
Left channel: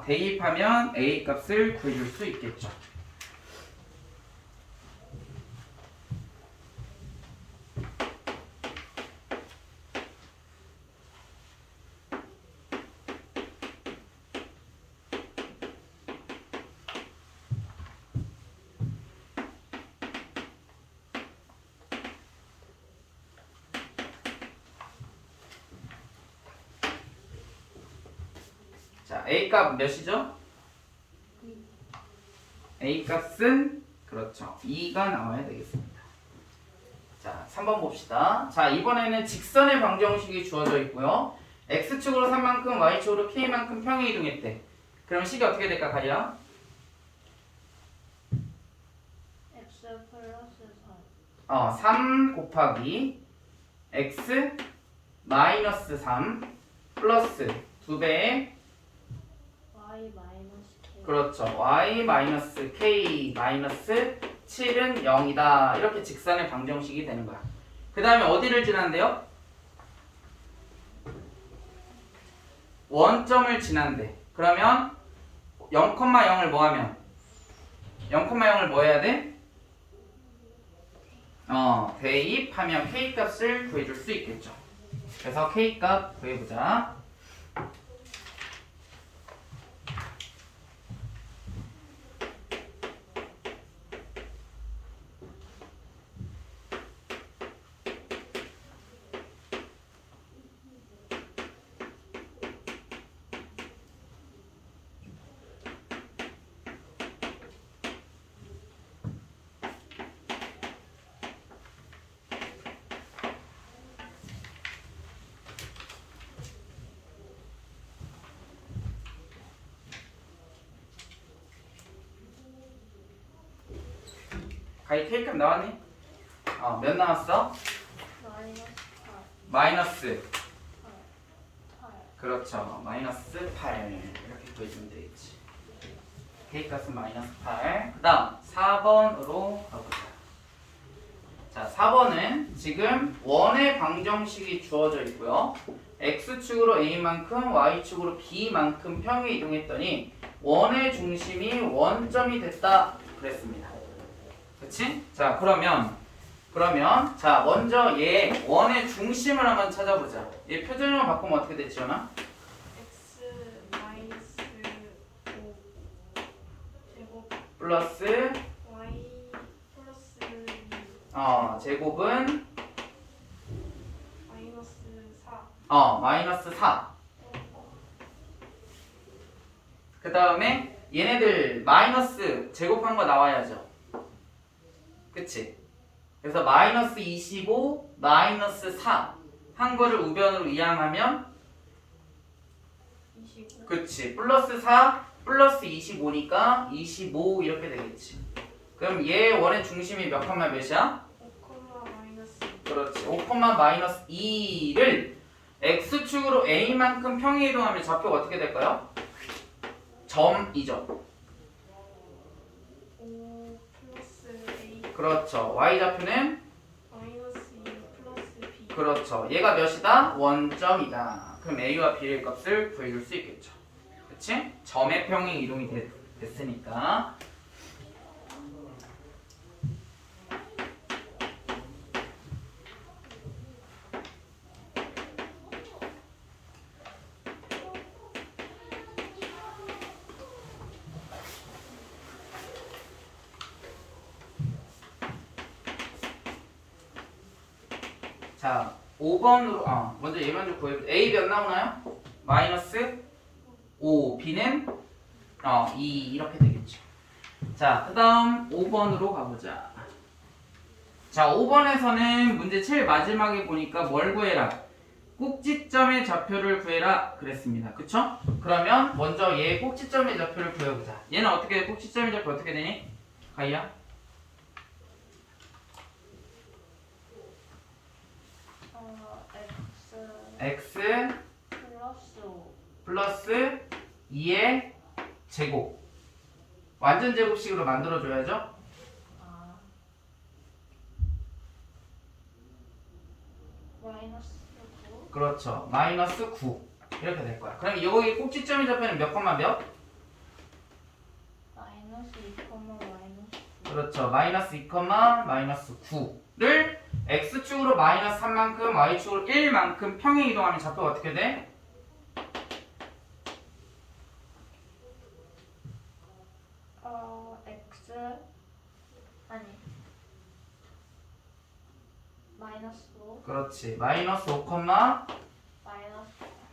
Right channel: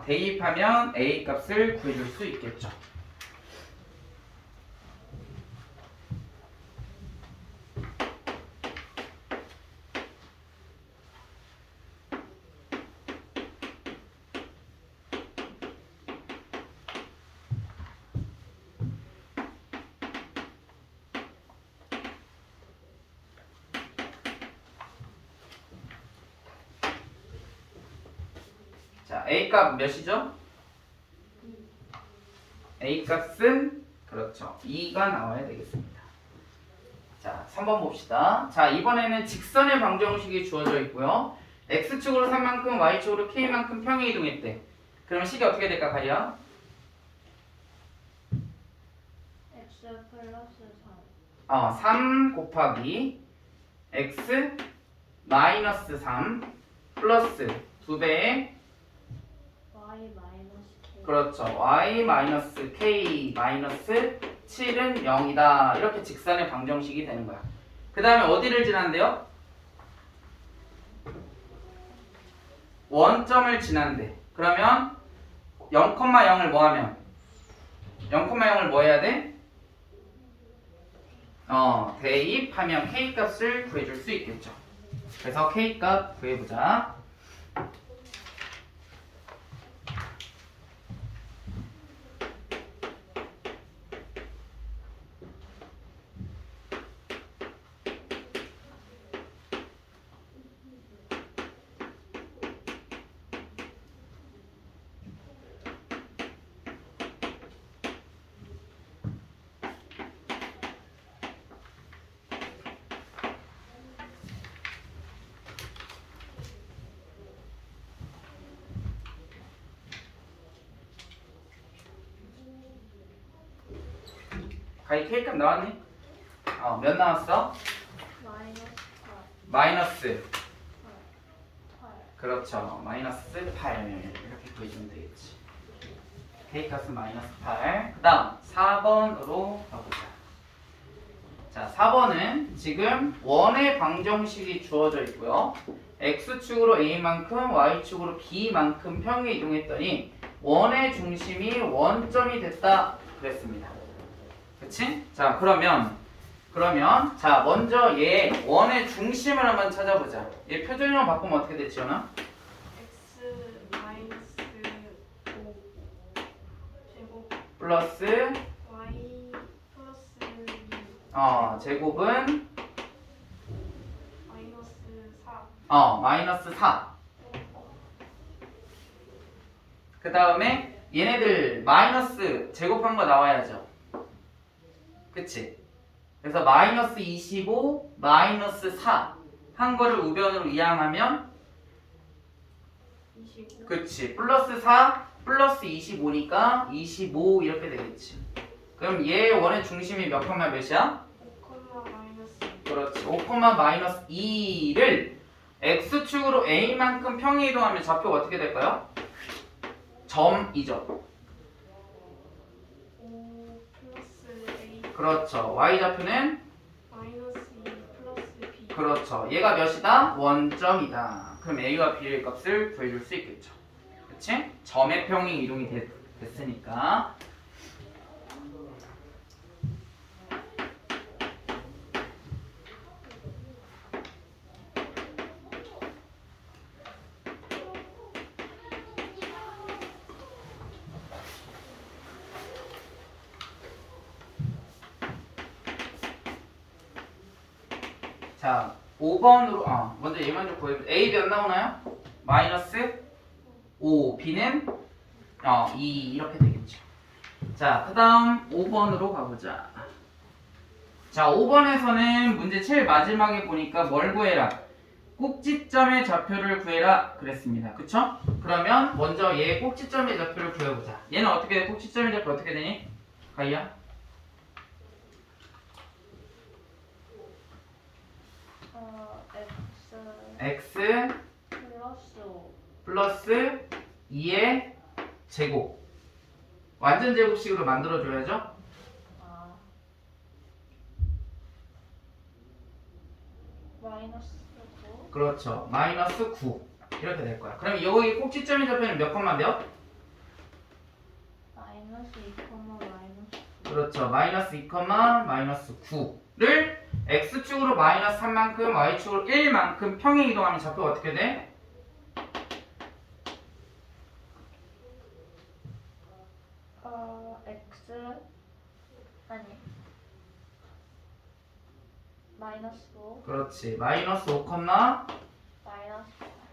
대입하면 a 값을 구해줄 수 있겠죠. 자, a 값 몇이죠? a 값은 그렇죠. 2가 나와야 되겠습니다. 자, 3번 봅시다. 자, 이번에는 직선의 방정식이 주어져 있고요. x축으로 3만큼, y축으로 k만큼 평행 이동했대. 그럼 식이 어떻게 될까, 가리야? x 플러스 3 3 곱하기 x 마이너스 3 플러스 2배의 y 마이너스 k 그렇죠. y 마이너스 k 마이너스 7은 0이다. 이렇게 직선의 방정식이 되는 거야. 그 다음에 어디를 지난대요? 원점을 지난대. 그러면 0,0을 뭐 하면? 0,0을 뭐 해야 돼? 대입하면 k 값을 구해줄 수 있겠죠. 그래서 k 값 구해보자. 가히 K값 나왔니? 몇 나왔어? 마이너스 8 마이너스 8 그렇죠. 마이너스 8 이렇게 구해주면 되겠지. K값은 마이너스 8. 그 다음 4번으로 가보자. 자, 4번은 지금 원의 방정식이 주어져 있고요. X축으로 A만큼 Y축으로 B만큼 평행 이동했더니 원의 중심이 원점이 됐다 그랬습니다. 그치? 자, 그러면 자, 먼저 얘 원의 중심을 한번 찾아보자. 얘 표준형 바꾸면 어떻게 되지, 연아? x 마이너스 5 제곱 플러스 y 플러스 2 제곱은 마이너스 4 마이너스 4. 그 다음에 얘네들 마이너스 제곱한 거 나와야죠. 그치? 그래서 마이너스 25, 마이너스 4 한 거를 우변으로 이항하면 25. 그치. 플러스 4 플러스 25니까 25 이렇게 되겠지. 그럼 얘 원의 중심이 몇 콤마 몇이야? 5, 마이너스. 그렇지. 5, 마이너스 2를 x축으로 a만큼 평행 이동하면 좌표가 어떻게 될까요? 점이죠. 5 플러스 A 그렇죠. y-좌표는 마이너스 2 플러스 B. 그렇죠. 얘가 몇이다? 원점이다. 그럼 a와 b의 값을 구해줄 수 있겠죠. 그치? 점의 평행 이동이 됐으니까. 자, 5번으로 먼저 얘 먼저 구해보자. A 몇 나오나요? 마이너스 5, B는 2 이렇게 되겠죠. 자, 그 다음 5번으로 가보자. 자, 5번에서는 문제 제일 마지막에 보니까 뭘 구해라? 꼭지점의 좌표를 구해라 그랬습니다. 그쵸? 그러면 먼저 얘 꼭지점의 좌표를 구해보자. 얘는 어떻게 돼? 꼭지점의 좌표 어떻게 되니? 가이야? X X 플러스 5 플러스 2의 제곱. 완전 제곱식으로 만들어줘야죠. 아 마이너스 9 그렇죠. 마이너스 9 이렇게 될 거야. 그럼 여기 꼭지점이 잡히는 몇 콤마 몇? 마이너스 2, 마이너스 9 그렇죠. 마이너스 2, 마이너스 9를 x축으로 마이너스 3만큼 y축으로 1만큼 평행 이동하면 좌표가 어떻게 돼? X 아니 마이너스 5 그렇지. 마이너스 5, 마이너스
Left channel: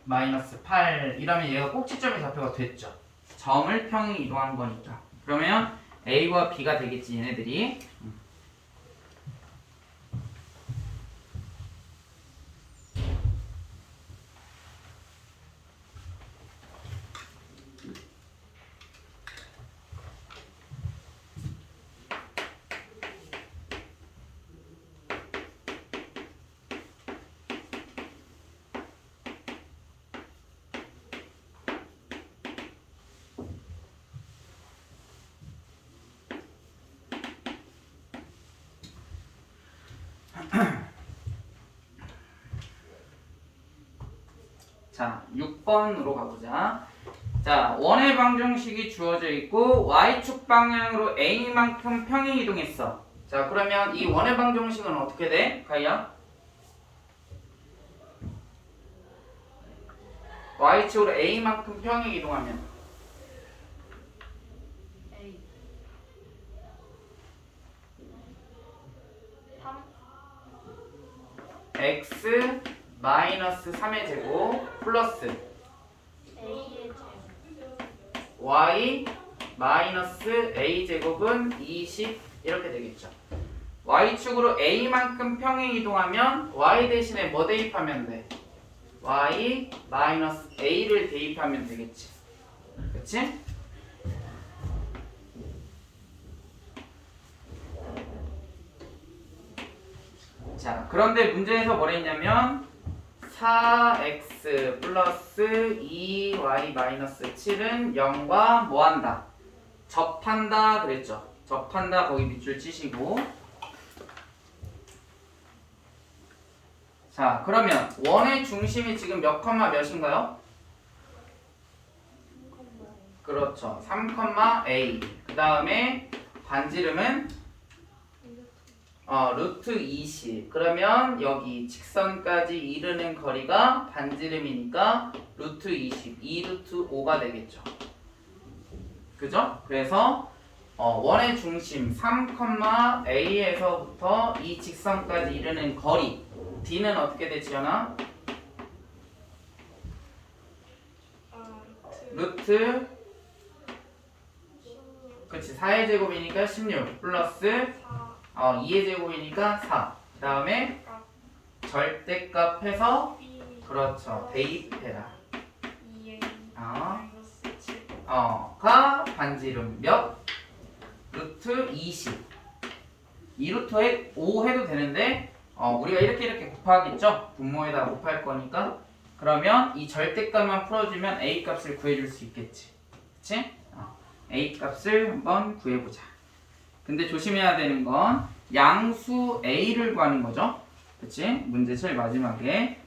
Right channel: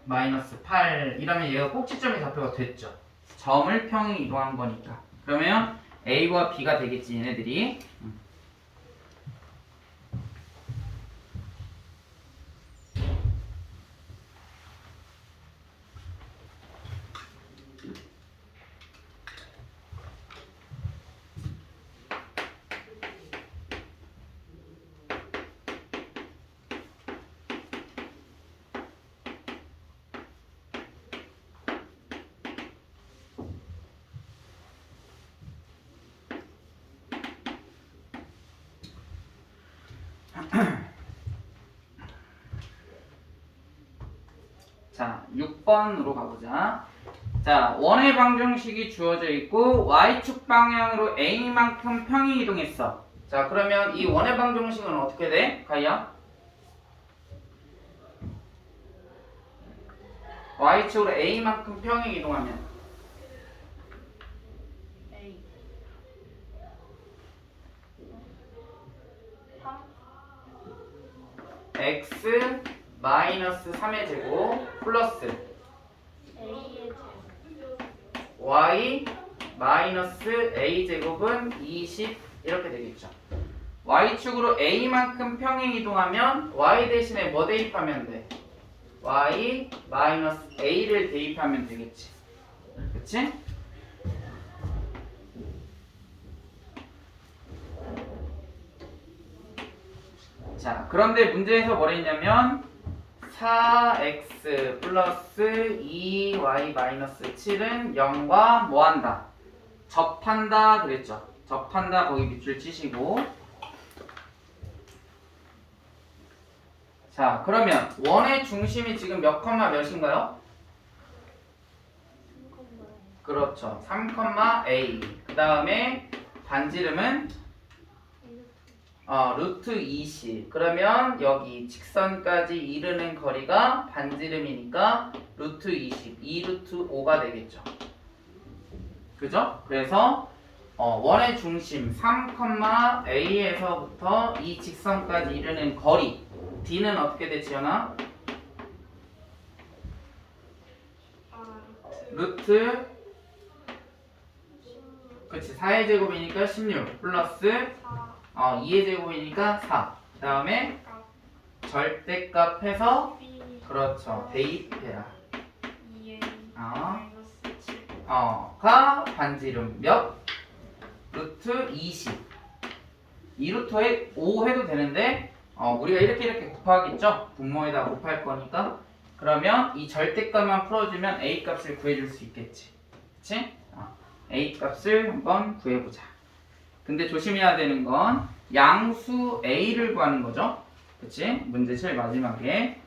마이너스 8 이러면 얘가 꼭지점의 좌표가 됐죠. 점을 평행 이동한 거니까. 그러면 A와 B가 되겠지 얘네들이. 자, 6번으로 가보자. 자, 원의 방정식이 주어져 있고 y축 방향으로 a만큼 평행 이동했어. 자, 그러면 이 원의 방정식은 어떻게 돼? 가희야? y축으로 a만큼 평행 이동하면 A 3 x 마이너스 3의 제곱 플러스 A의 제곱 y 마이너스 a 제곱은 20 이렇게 되겠죠. y축으로 a만큼 평행 이동하면 y 대신에 뭐 대입하면 돼? y 마이너스 a를 대입하면 되겠지. 그치? 자, 그런데 문제에서 뭘 했냐면 4x 플러스 2y 마이너스 7은 0과 뭐한다? 접한다 그랬죠. 접한다 거기 밑줄 치시고. 자, 그러면 원의 중심이 지금 몇 컴마 몇인가요? 그렇죠. 3, a. 그 다음에 반지름은 루트 20. 그러면 여기 직선까지 이르는 거리가 반지름이니까 루트 20. 2루트 5가 되겠죠. 그죠? 그래서 원의 중심 3, a에서부터 이 직선까지 이르는 거리 d는 어떻게 되지요나? 루트 16 그치 4의 제곱이니까 16 플러스 4 2의 제곱이니까 4. 그 다음에 절대값 해서 B 그렇죠. 대입해라. 2A 가 반지름 몇? 루트 20. 2루트에 5 해도 되는데 우리가 이렇게 곱하겠죠? 분모에다 곱할 거니까. 그러면 이 절대값만 풀어주면 a 값을 구해줄 수 있겠지. 그치? a 값을 한번 구해보자. 근데 조심해야 되는 건 양수 a를 구하는 거죠. 그치? 문제 제일 마지막에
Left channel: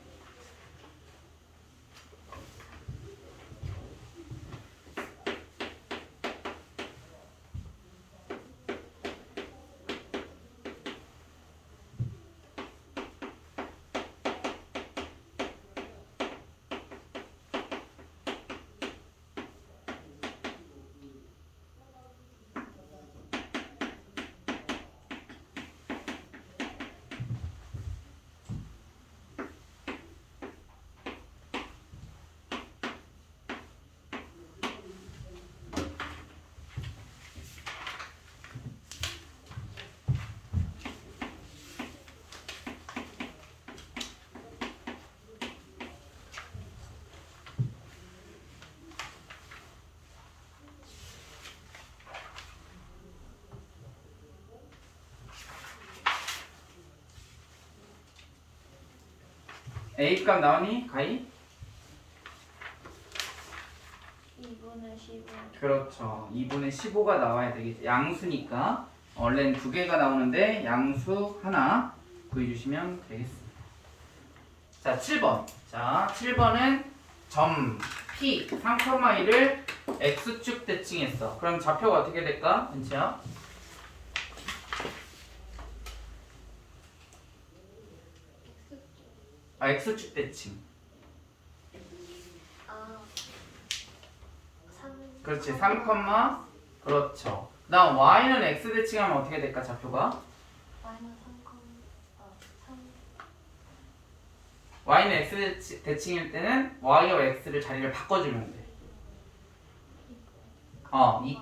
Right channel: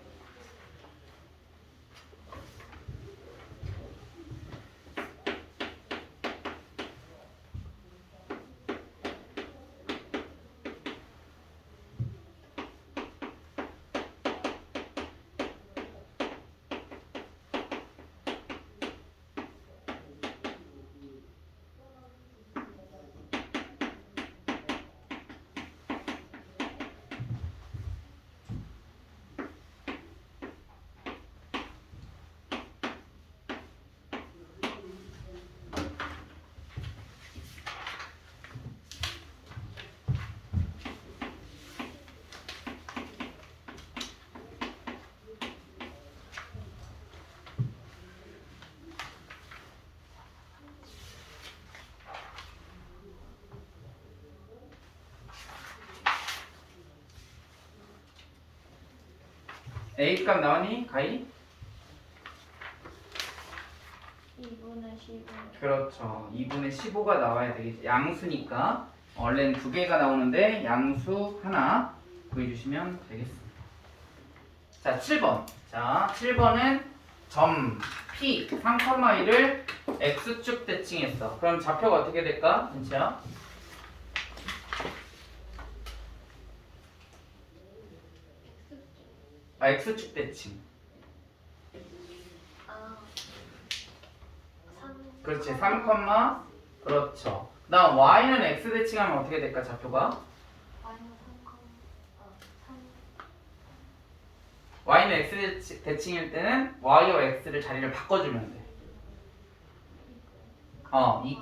a 값 나오니? 가이? 2분의 15. 그렇죠. 2분의 15가 나와야 되겠지. 양수니까 원래는 두 개가 나오는데 양수 하나 구해주시면 되겠습니다. 자, 7번. 자, 7번은 점 P 3,2를 X축 대칭했어. 그럼 좌표가 어떻게 될까? 은채야? X축 대칭. 아, 3. 그렇지. 3, 그렇죠. 그다음 Y는 X 대칭하면 어떻게 될까? 좌표가? 마이너스 3. Y는 X 대칭일 때는 Y와 X를 자리를 바꿔주면 돼. 2,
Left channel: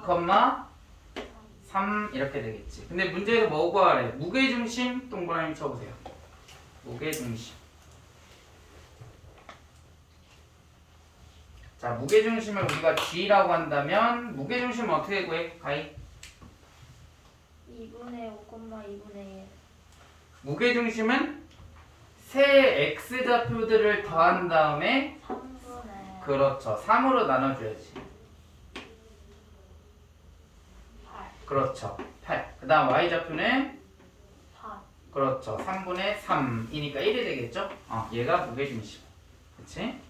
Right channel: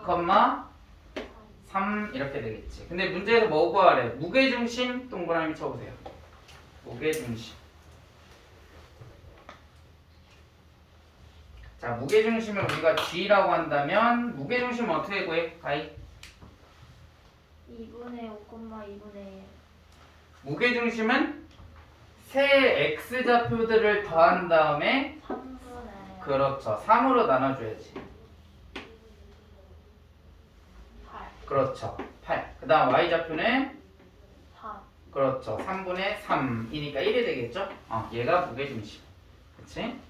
3 이렇게 되겠지. 근데 문제에서 뭐 구하래? 무게중심 동그라미 쳐보세요. 무게중심. 자, 무게중심을 우리가 G라고 한다면 무게중심은 어떻게 구해? 가이? 2분의 5, 2분의 1. 무게중심은 세 X좌표들을 더한 다음에 3분의 그렇죠. 3으로 나눠줘야지. 8. 그렇죠. 8. 그 다음 Y좌표는 4. 그렇죠. 3분의 3이니까 1이 되겠죠? 얘가 무게중심. 그치?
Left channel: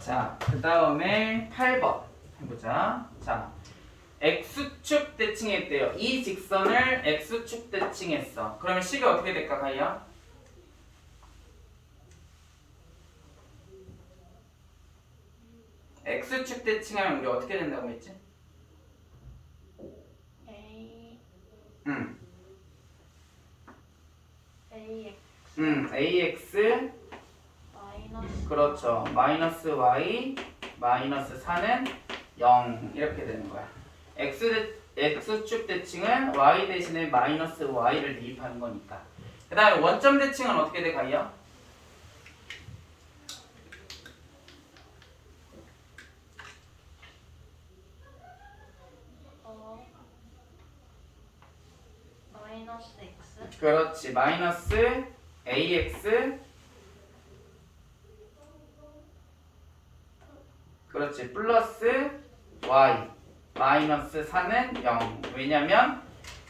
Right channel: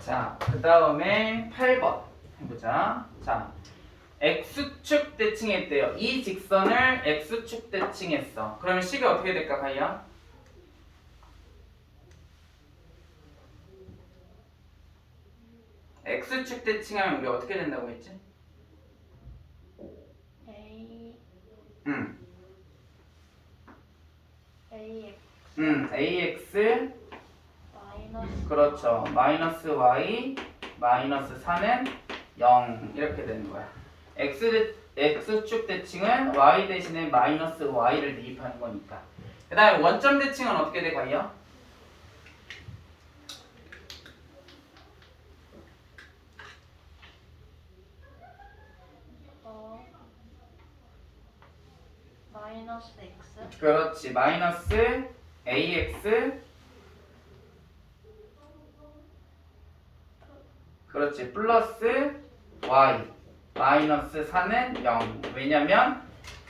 자, 그 다음에 8번 해보자. 자, X축 대칭했대요. 이 직선을 X축 대칭했어. 그러면 C가 어떻게 될까, 가희야? X축 대칭하면 우리 어떻게 된다고 했지? A, 응. AX AX 마이너스 그렇죠. 마이너스 Y 마이너스 4는 0 이렇게 되는 거야. X축 대칭은 Y 대신에 마이너스 Y를 대입하는 거니까. 그 다음에 원점 대칭은 어떻게 될까요? 마이너스 X 그렇지. 마이너스 AX 그렇지. 플러스 Y 마이너스 4는 0. 왜냐면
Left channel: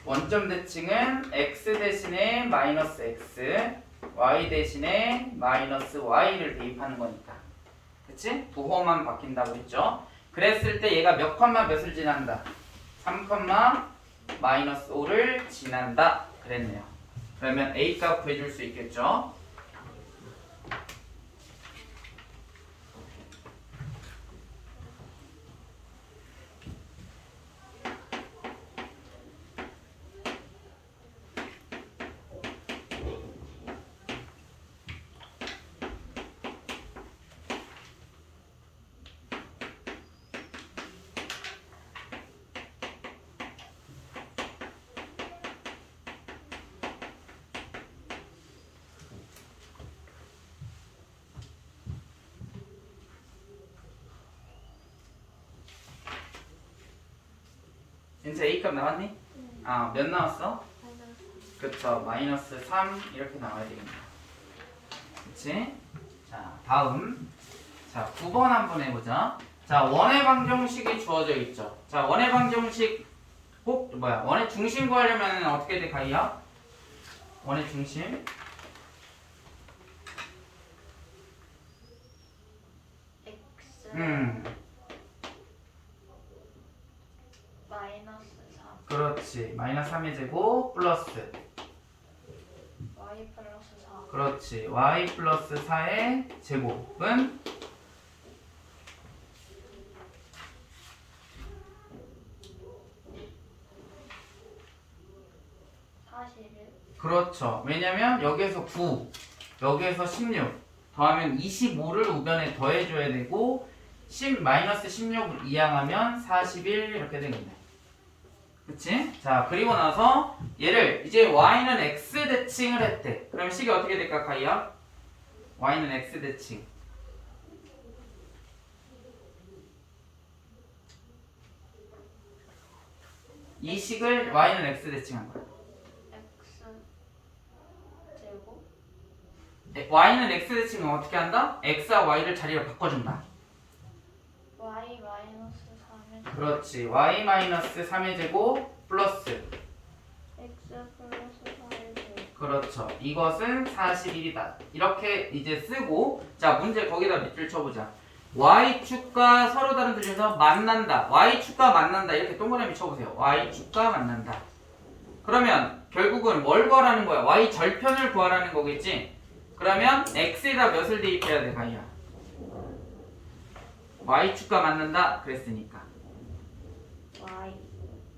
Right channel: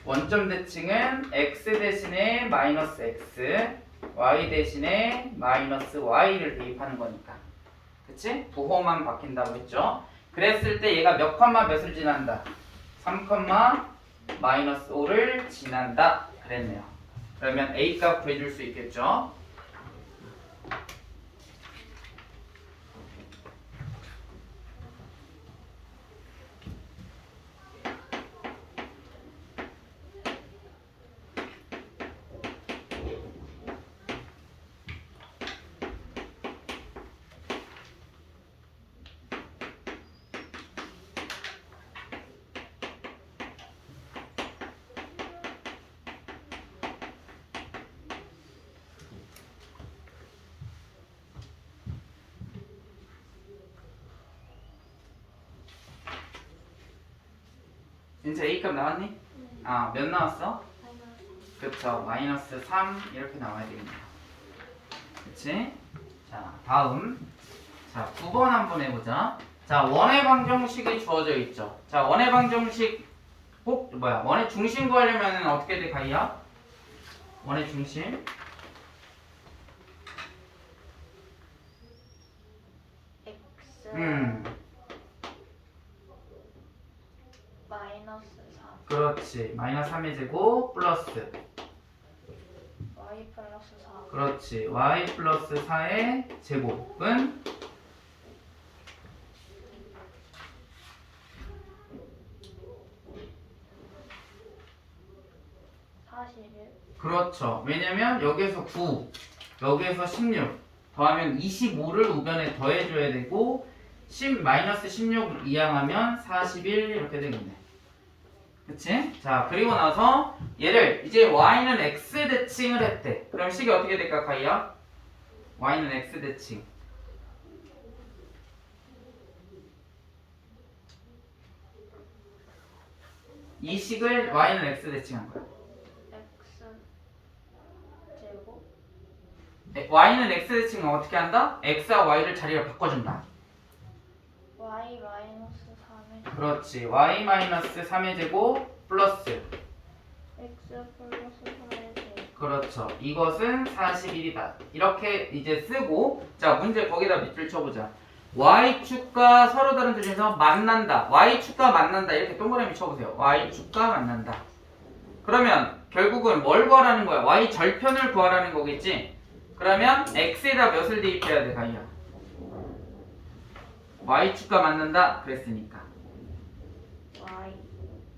원점 대칭은 X 대신에 마이너스 X Y 대신에 마이너스 Y를 대입하는 거니까. 그치? 부호만 바뀐다고 했죠. 그랬을 때 얘가 몇 컴마 몇을 지난다? 3, 마이너스 5를 지난다 그랬네요. 그러면 A 값 구해줄 수 있겠죠? 진짜 A 값 나왔니? 아, 몇 나왔어? 그쵸, 마이너스 3 이렇게 나와야 되겠네. 그치? 자, 다음. 자, 9번 한번 해보자. 자, 원의 방정식이 주어져 있죠. 자, 원의 방정식 원의 중심 구하려면 어떻게 돼, 가이야? 원의 중심. x 마이너스 3 그렇지. 마이너스 3의 제곱 플러스. y 플러스 4 그렇지. y 플러스 4의 제곱은 41 그렇죠. 왜냐면 여기에서 9, 여기에서 16 더하면 25를 우변에 더해줘야 되고 마이너스 16을 이항하면 41 이렇게 되겠네. 그치? 자, 그리고 나서 얘를 이제 y는 x 대칭을 했대. 그럼 식이 어떻게 될까, 가이야? y는 x 대칭. 이 식을 y는 x 대칭한 거야. x 제곱 y는 x 대칭은 어떻게 한다? x와 y를 자리를 바꿔준다. y 마이너스 3의 그렇지. y 마이너스 3의 제곱 플러스. x 플러스 4의 제곱 그렇죠. 이것은 41이다. 이렇게 이제 쓰고, 자, 문제 거기다 밑줄 쳐보자. y축과 서로 다른 표준에서 만난다. y축과 만난다. 이렇게 동그라미 쳐보세요. y축과 만난다. 그러면 결국은 뭘 구하라는 거야? y 절편을 구하라는 거겠지? 그러면 x에다 몇을 대입해야 돼, 가이야? y축과 만난다 그랬으니까 y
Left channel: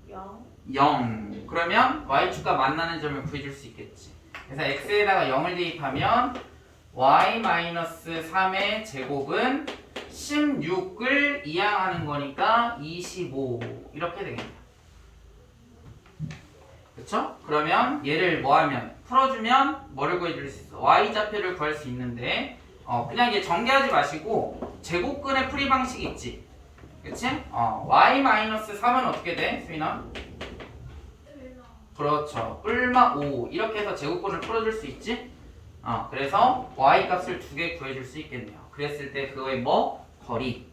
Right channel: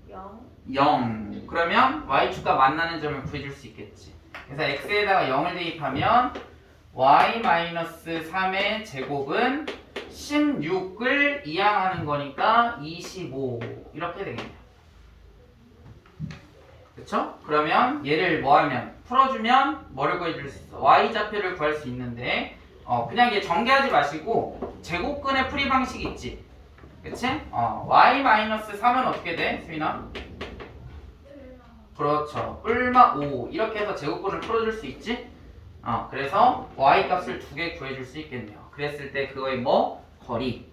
0 0. 그러면 y축과 만나는 점을 구해줄 수 있겠지. 그래서 x에다가 0을 대입하면 y-3의 제곱은 16을 이항하는 거니까 25 이렇게 되겠네요. 그쵸? 그러면 얘를 뭐하면 풀어주면 뭐를 구해줄 수 있어? y좌표를 구할 수 있는데 그냥 얘 전개하지 마시고 제곱근의 풀이 방식이 있지. 그치? y-3은 어떻게 돼? 수인아? 그렇죠. 뿔마 5 이렇게 해서 제곱근을 풀어줄 수 있지? 그래서 y 값을 2개 구해줄 수 있겠네요. 그랬을 때 그거의 뭐? 거리.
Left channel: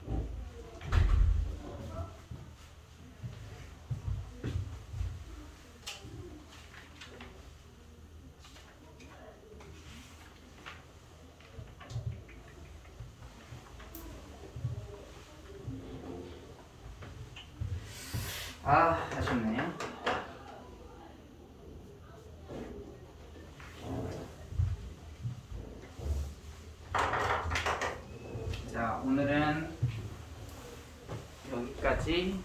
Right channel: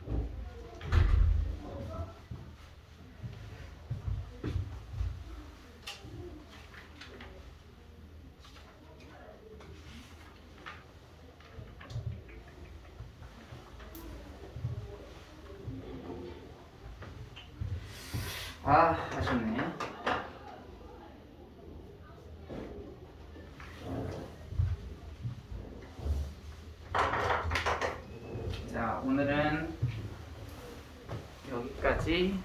아쉽네. 자, 오늘은 여기까지